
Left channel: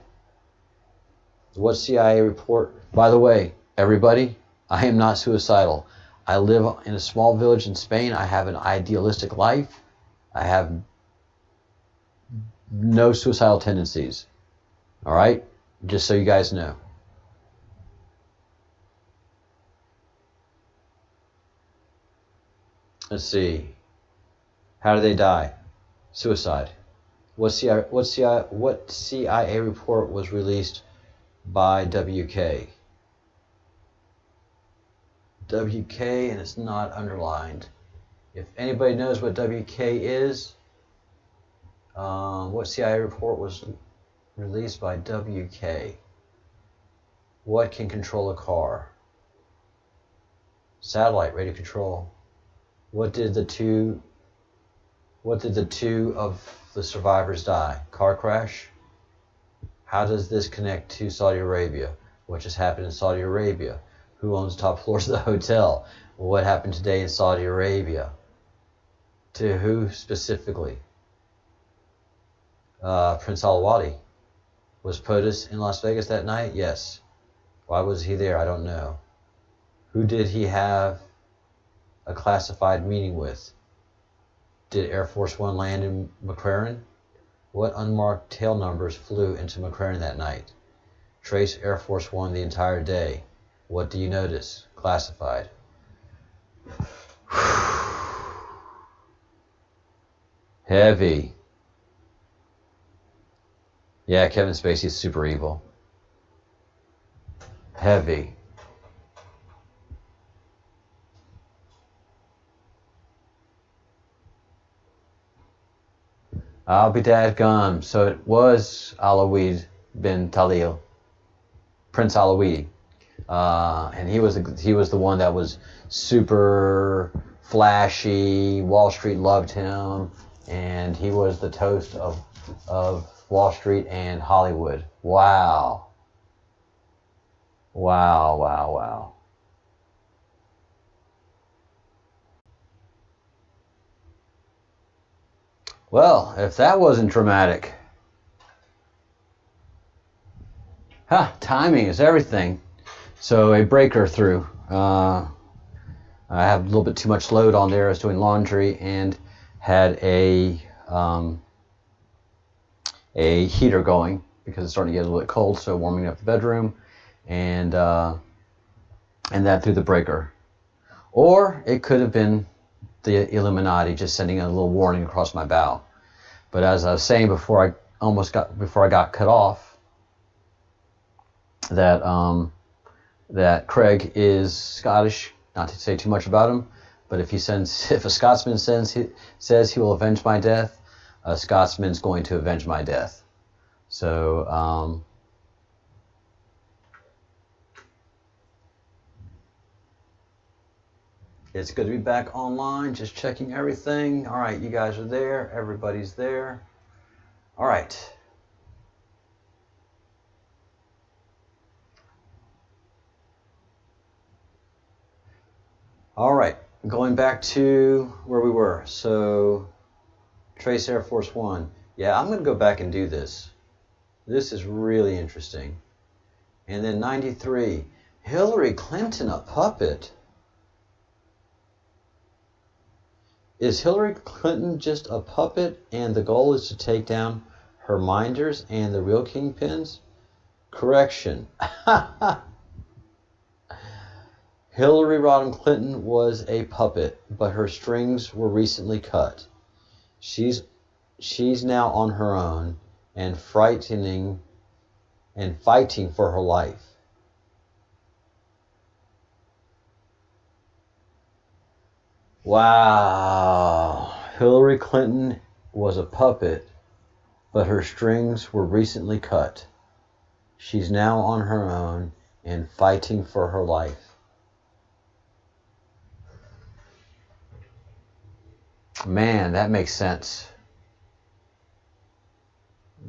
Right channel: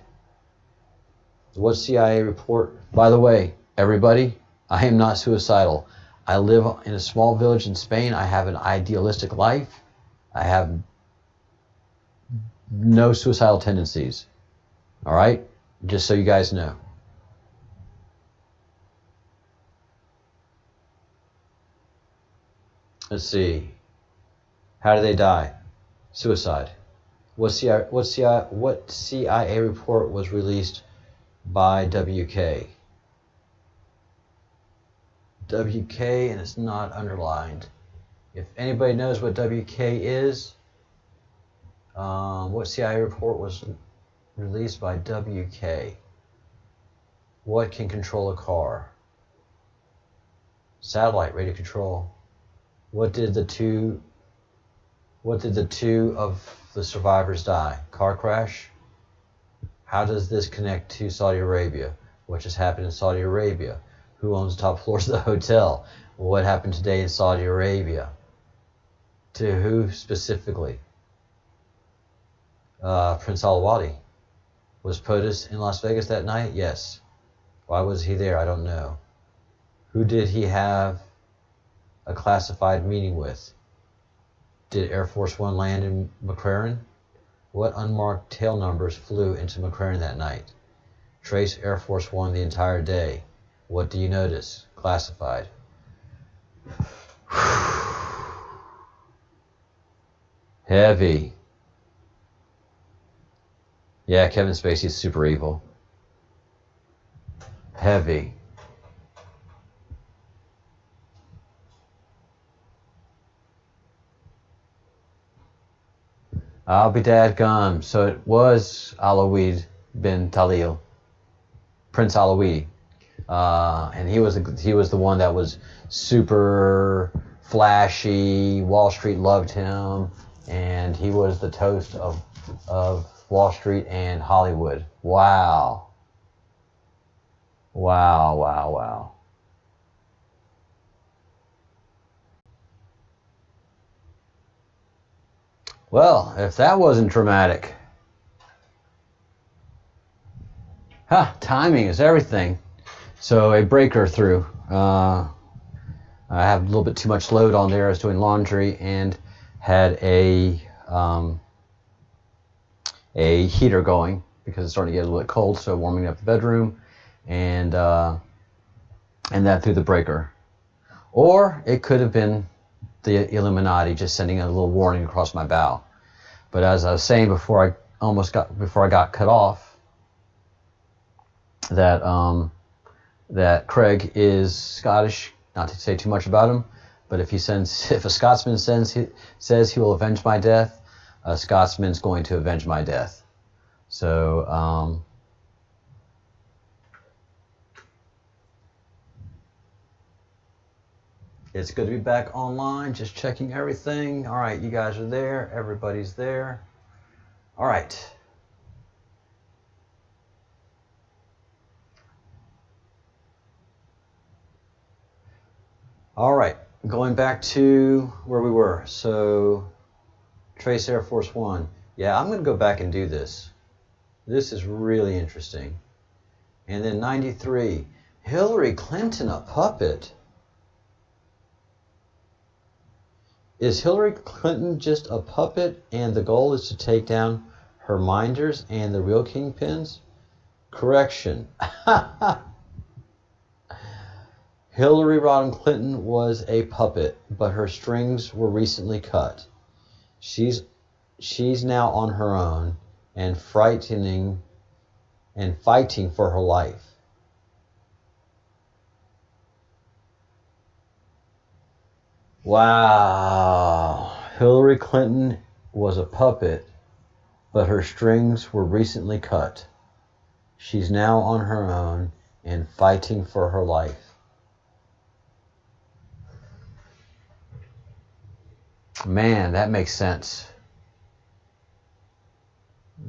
What CIA report? By the way, everybody, I am not suicidal. I live in a small village in Spain. I have an idealistic life. I have no suicidal tendencies. All right? Just so you guys know. Let's see. How did they die? Suicide. What CIA report was released by WK? WK, and it's not underlined. If anybody knows what WK is, what CIA report was released by WK? What can control a car? Satellite radio control. What did the two of the survivors die? Car crash? How does this connect to Saudi Arabia? What just happened in Saudi Arabia? Who owns the top floors of the hotel? What happened today in Saudi Arabia? To who specifically? Prince Al-Wadi. Was POTUS in Las Vegas that night? Yes. Why was he there? I don't know. Who did he have a classified meeting with? Did Air Force One land in McCrary? What unmarked tail numbers flew into McCrary that night? Trace Air Force One the entire day. What do you notice? Classified. Heavy. Yeah, Kevin Spacey's super evil. Heavy. I'll be dadgum. So it was Alawid bin Talil, Prince Alawid, and he was the one that was super flashy. Wall Street loved him, and he was the toast of Wall Street and Hollywood. Wow. Wow, wow, wow. Well, if that wasn't dramatic. Timing is everything. So a breaker through. I have a little bit too much load on there. I was doing laundry and had a heater going because it's starting to get a little bit cold, so warming up the bedroom, and that through the breaker. Or it could have been the Illuminati just sending a little warning across my bow. But as I was saying before I got cut off, that Craig is Scottish. Not to say too much about him, but if a Scotsman says he will avenge my death, a Scotsman's going to avenge my death. So it's good to be back online. Just checking everything. All right, you guys are there. Everybody's there. All right. All right, going back to where we were. So, Trace Air Force One. Yeah, I'm going to go back and do this. This is really interesting. And then 93. Hillary Clinton, a puppet. Is Hillary Clinton just a puppet and the goal is to take down her minders and the real kingpins? Correction. Hillary Rodham Clinton was a puppet, but her strings were recently cut. She's now on her own and fighting for her life. Wow. Hillary Clinton was a puppet, but her strings were recently cut. She's now on her own and fighting for her life. Man, that makes sense.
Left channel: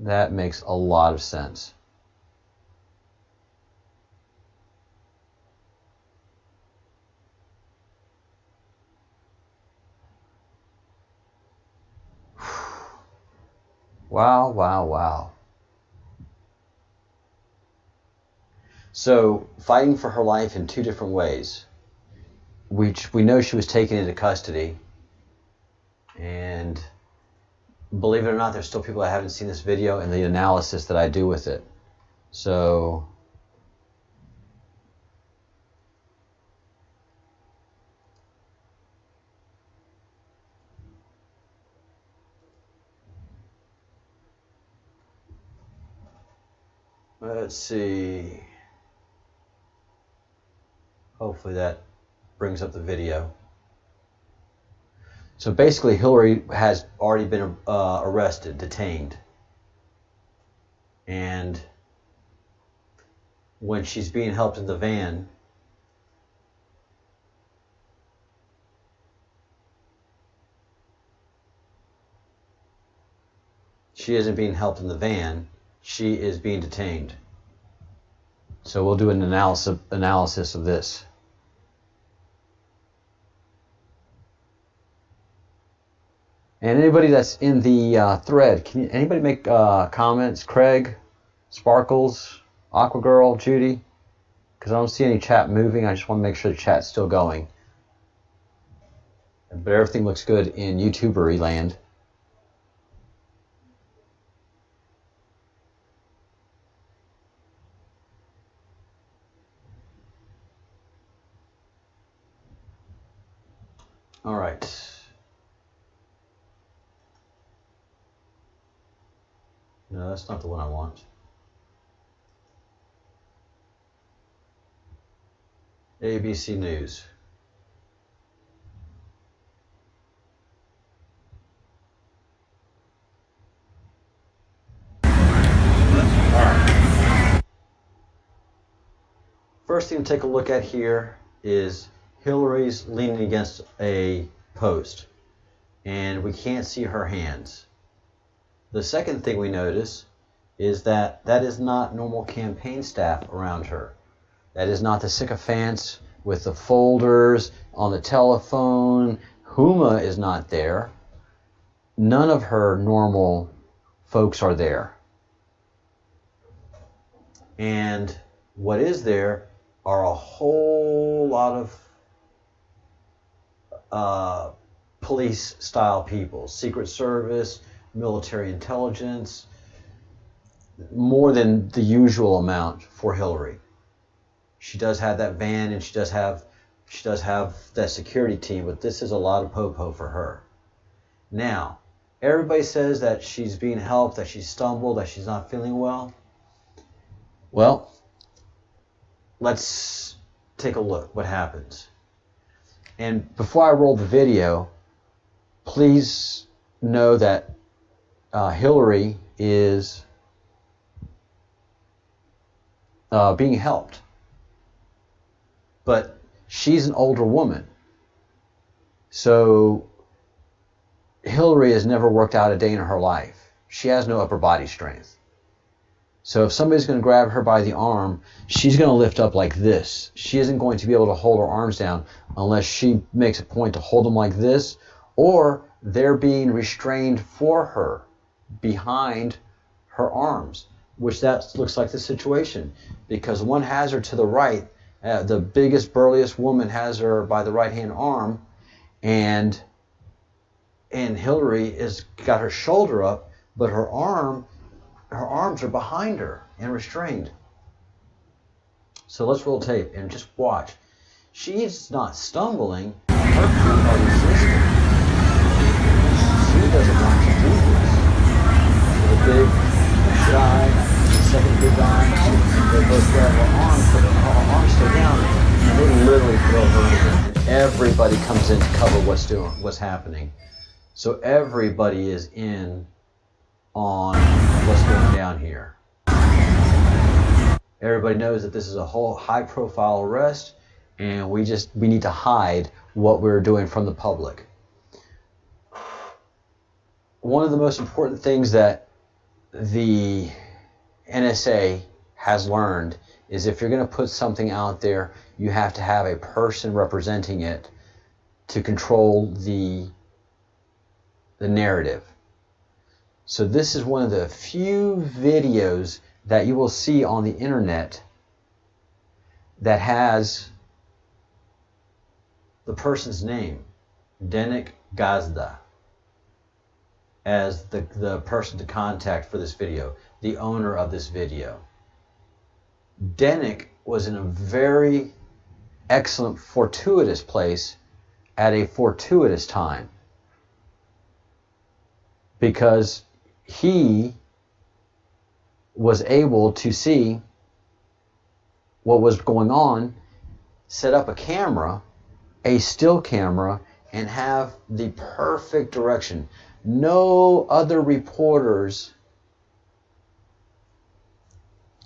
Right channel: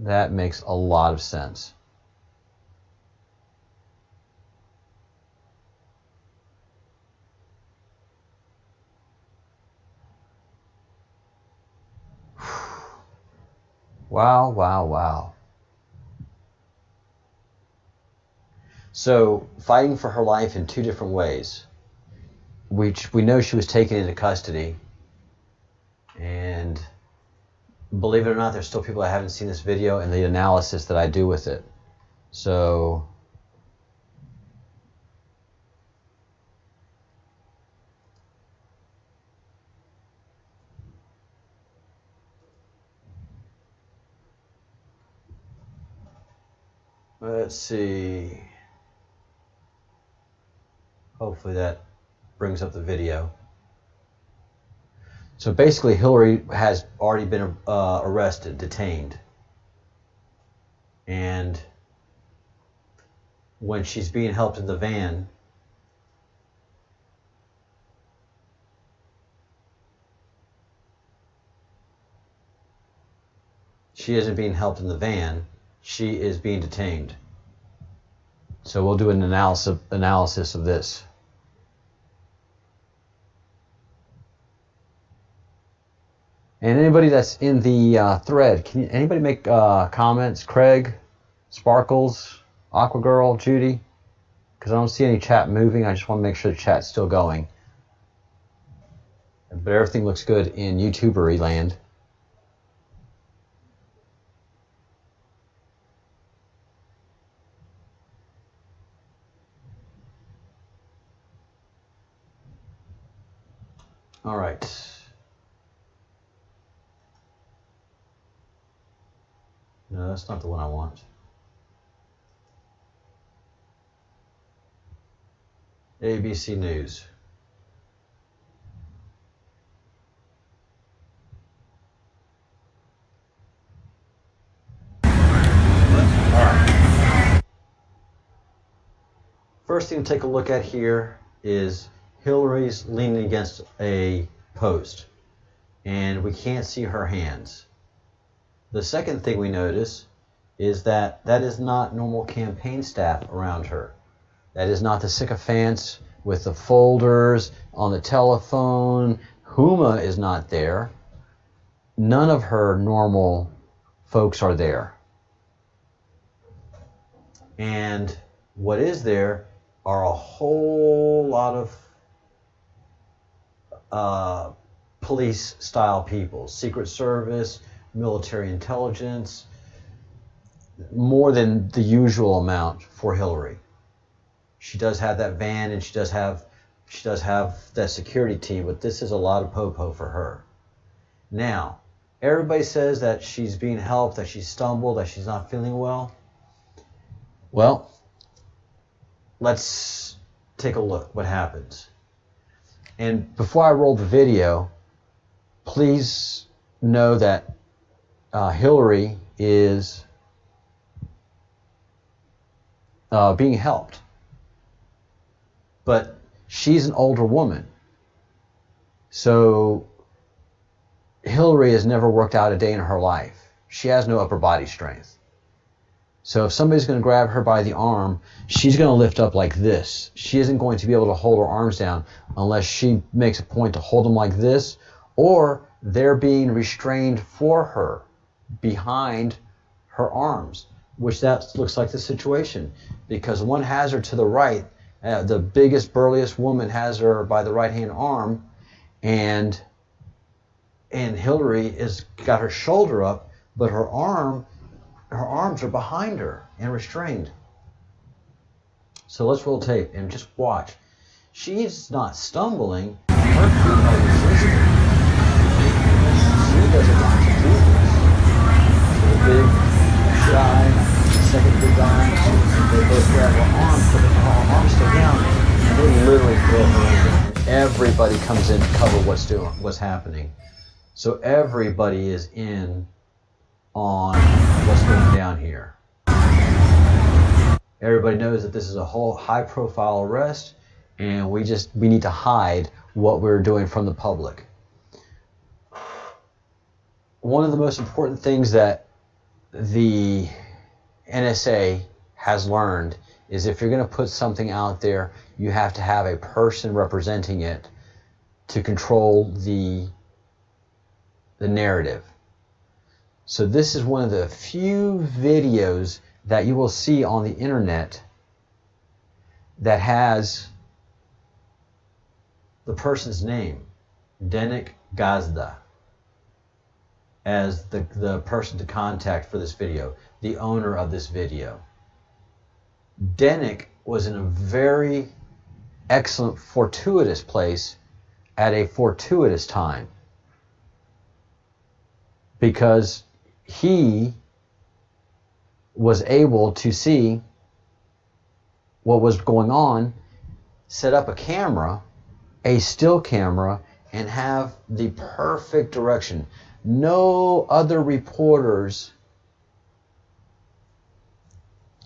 That makes a lot of sense. Wow, wow, wow. So, fighting for her life in two different ways. We know she was taken into custody. And believe it or not, there's still people that haven't seen this video and the analysis that I do with it. So, let's see. Hopefully that brings up the video. So basically, Hillary has already been arrested, detained. And when she's being helped in the van, she isn't being helped in the van, she is being detained. So we'll do an analysis of this. And anybody that's in the thread, can anybody make comments? Craig, Sparkles, Aqua Girl, Judy? Because I don't see any chat moving. I just want to make sure the chat's still going. But everything looks good in YouTubery land. All right. that's not the one I want. ABC News. First thing to take a look at here is Hillary's leaning against a post, and we can't see her hands. The second thing we notice is that that is not normal campaign staff around her. That is not the sycophants with the folders on the telephone. Huma is not there. None of her normal folks are there. And what is there are a whole lot of police-style people, Secret Service, military intelligence, more than the usual amount for Hillary. She does have that van, and she does have that security team, but this is a lot of po-po for her. Now, everybody says that she's being helped, that she stumbled, that she's not feeling well. Well, let's take a look what happens. And before I roll the video, please know that Hillary is being helped. But she's an older woman. So Hillary has never worked out a day in her life. She has no upper body strength. So if somebody's going to grab her by the arm, she's going to lift up like this. She isn't going to be able to hold her arms down unless she makes a point to hold them like this, or they're being restrained for her behind her arms, which that looks like the situation, because one has her to the right. The biggest, burliest woman has her by the right-hand arm, and Hillary has got her shoulder up, but her arms are behind her and restrained. So let's roll tape and just watch. She's not stumbling. Her feet are resisting. She doesn't want to do this. The big guy, the second big guy, they both grab her arm, put her arm still down, and they literally throw her over. Everybody comes in to cover what's happening. So everybody is in on what's going down here. Everybody knows that this is a whole high-profile arrest, and we need to hide what we're doing from the public. One of the most important things that the NSA has learned is if you're going to put something out there, you have to have a person representing it to control the narrative. So this is one of the few videos that you will see on the internet that has the person's name, Denik Gazda, as the person to contact for this video, the owner of this video. Denik was in a very excellent, fortuitous place at a fortuitous time, because he was able to see what was going on, set up a camera, a still camera, and have the perfect direction. No other reporters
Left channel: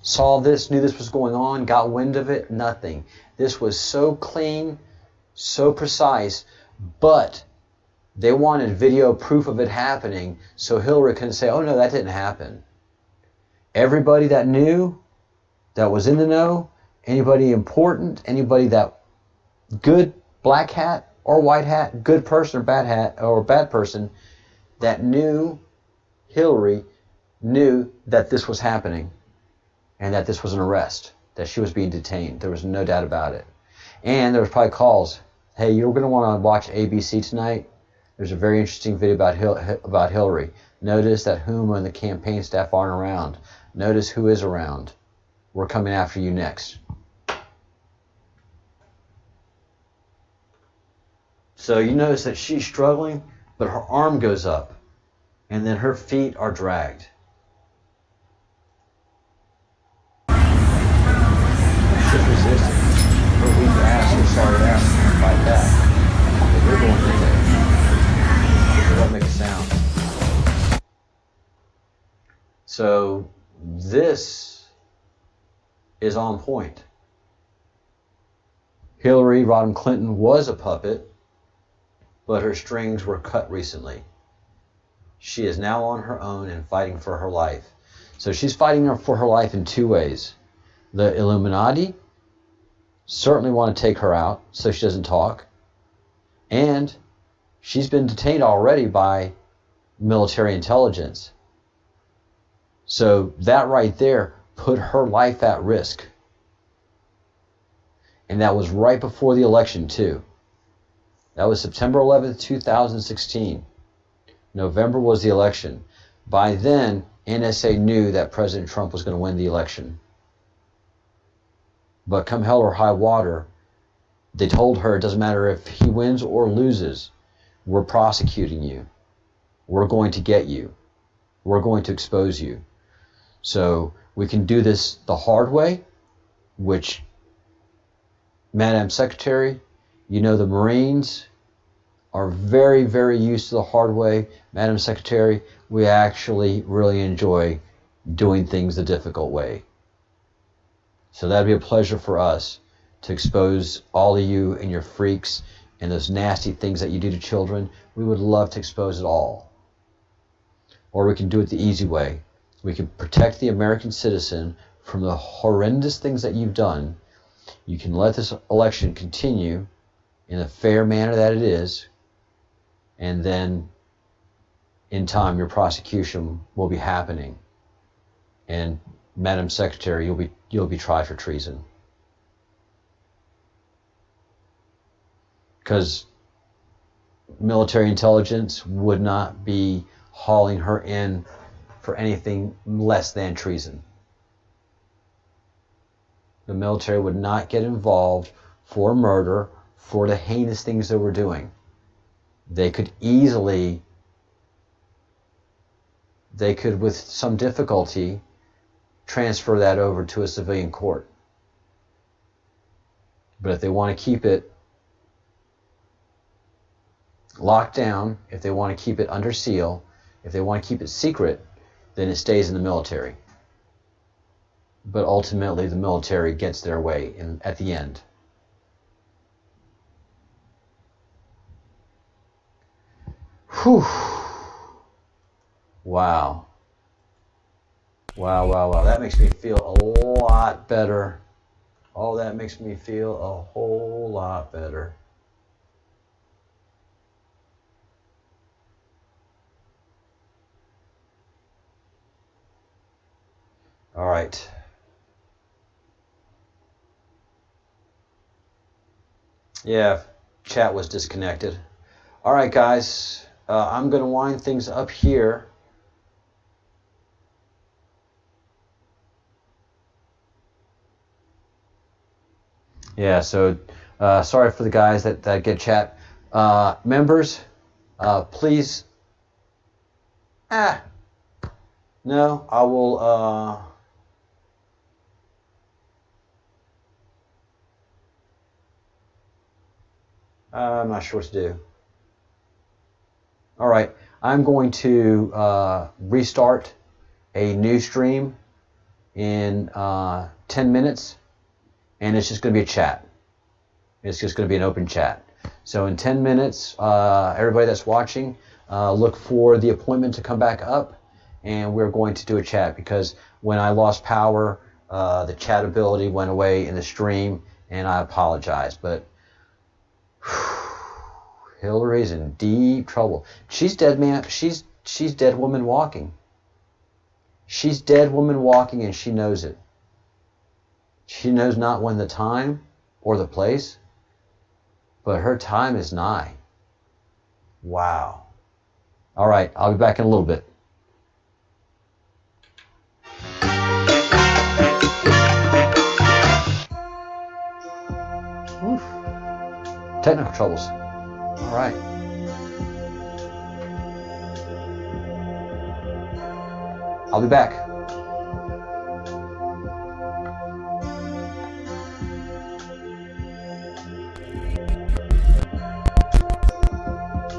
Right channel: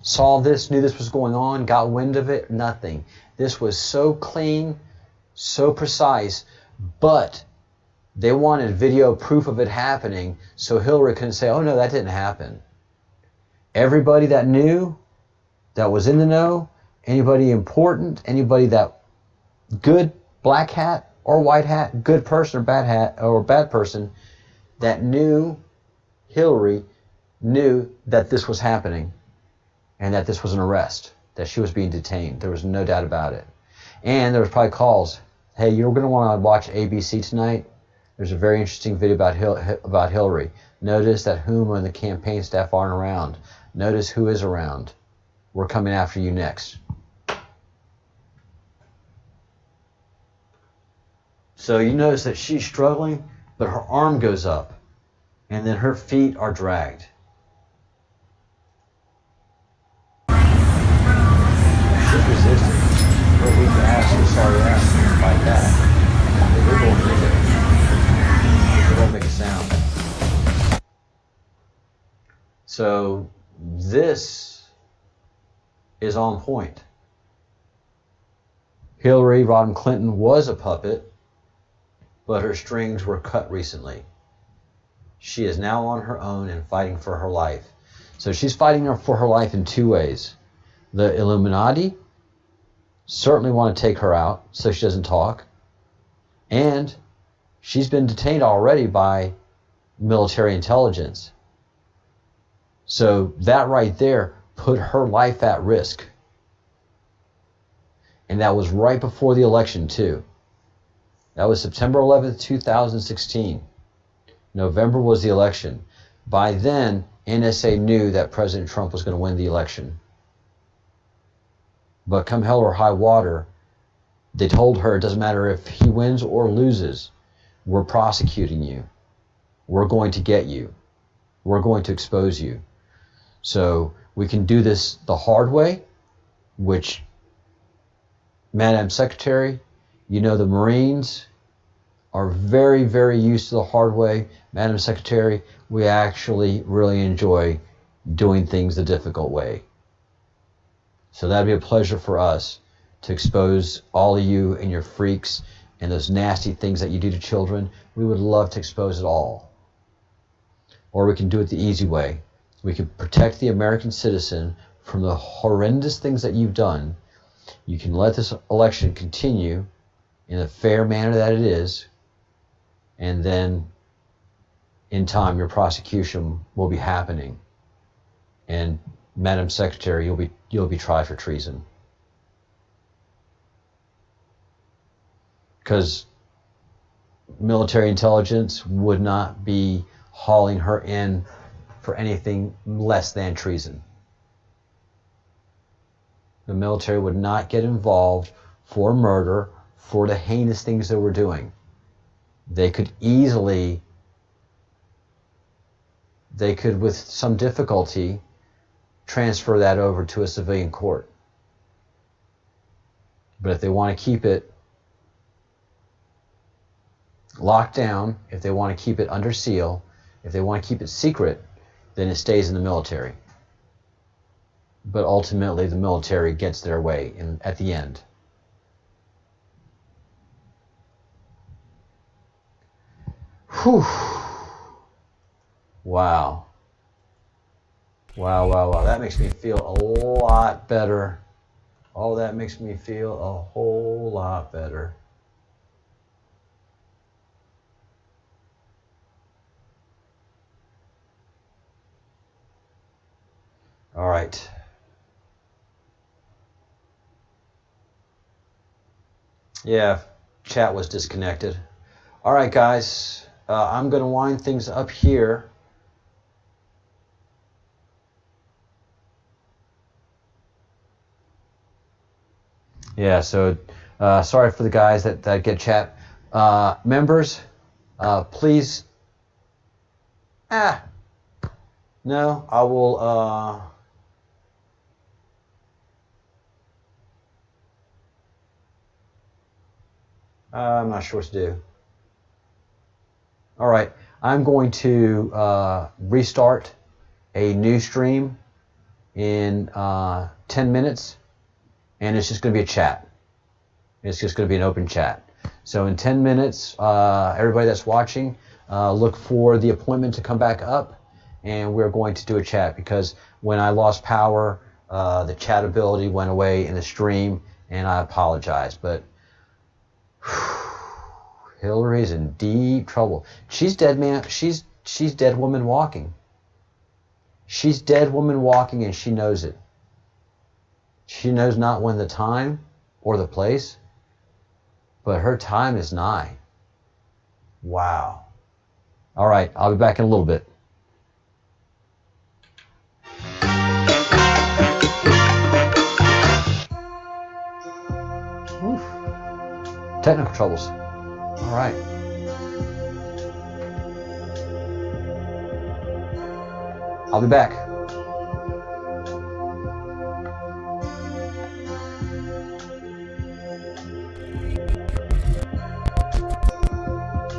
saw this, knew this was going on, got wind of it, nothing. This was so clean, so precise, but they wanted video proof of it happening so Hillary couldn't say, oh no, that didn't happen. Everybody that knew, that was in the know, anybody important, anybody that good, black hat or white hat, good person or bad hat or bad person, that knew Hillary knew that this was happening and that this was an arrest, that she was being detained. There was no doubt about it. And there was probably calls. Hey, you're going to want to watch ABC tonight. There's a very interesting video about Hillary. Notice that Huma and the campaign staff aren't around. Notice who is around. We're coming after you next. So you notice that she's struggling, but her arm goes up, and then her feet are dragged. So this is on point. Hillary Rodham Clinton was a puppet, but her strings were cut recently. She is now on her own and fighting for her life. So she's fighting for her life in two ways. The Illuminati certainly want to take her out so she doesn't talk. And she's been detained already by military intelligence. So that right there put her life at risk. And that was right before the election too. That was September 11th, 2016. November was the election. By then, NSA knew that President Trump was going to win the election. But come hell or high water, they told her it doesn't matter if he wins or loses. We're prosecuting you. We're going to get you. We're going to expose you. So we can do this the hard way, which, Madam Secretary, you know the Marines are very, very used to the hard way. Madam Secretary, we actually really enjoy doing things the difficult way. So that'd be a pleasure for us to expose all of you and your freaks and those nasty things that you do to children. We would love to expose it all. Or we can do it the easy way. We can protect the American citizen from the horrendous things that you've done. You can let this election continue in a fair manner that it is, and then in time your prosecution will be happening. And Madam Secretary, you'll be tried for treason. Because military intelligence would not be hauling her in for anything less than treason. The military would not get involved for murder, for the heinous things they were doing. They could with some difficulty, transfer that over to a civilian court. But if they want to keep it locked down, if they want to keep it under seal, if they want to keep it secret, then it stays in the military. But ultimately, the military gets their way at the end. Whew. Wow. Wow, wow, wow. That makes me feel a lot better. Oh, that makes me feel a whole lot better. All right. Yeah, chat was disconnected. All right, guys. I'm going to wind things up here. Yeah, so sorry for the guys that get chat. Members, please. No, I will. I'm not sure what to do. All right, I'm going to restart a new stream in 10 minutes, and it's just going to be a chat. It's just going to be an open chat. So in 10 minutes, everybody that's watching, look for the appointment to come back up, and we're going to do a chat, because when I lost power, the chat ability went away in the stream, and I apologize. But Hillary's in deep trouble. She's dead, man. She's dead woman walking. She's dead woman walking, and she knows it. She knows not when the time or the place, but her time is nigh. Wow. All right, I'll be back in a little bit. Oof. Technical troubles. All right. I'll be back.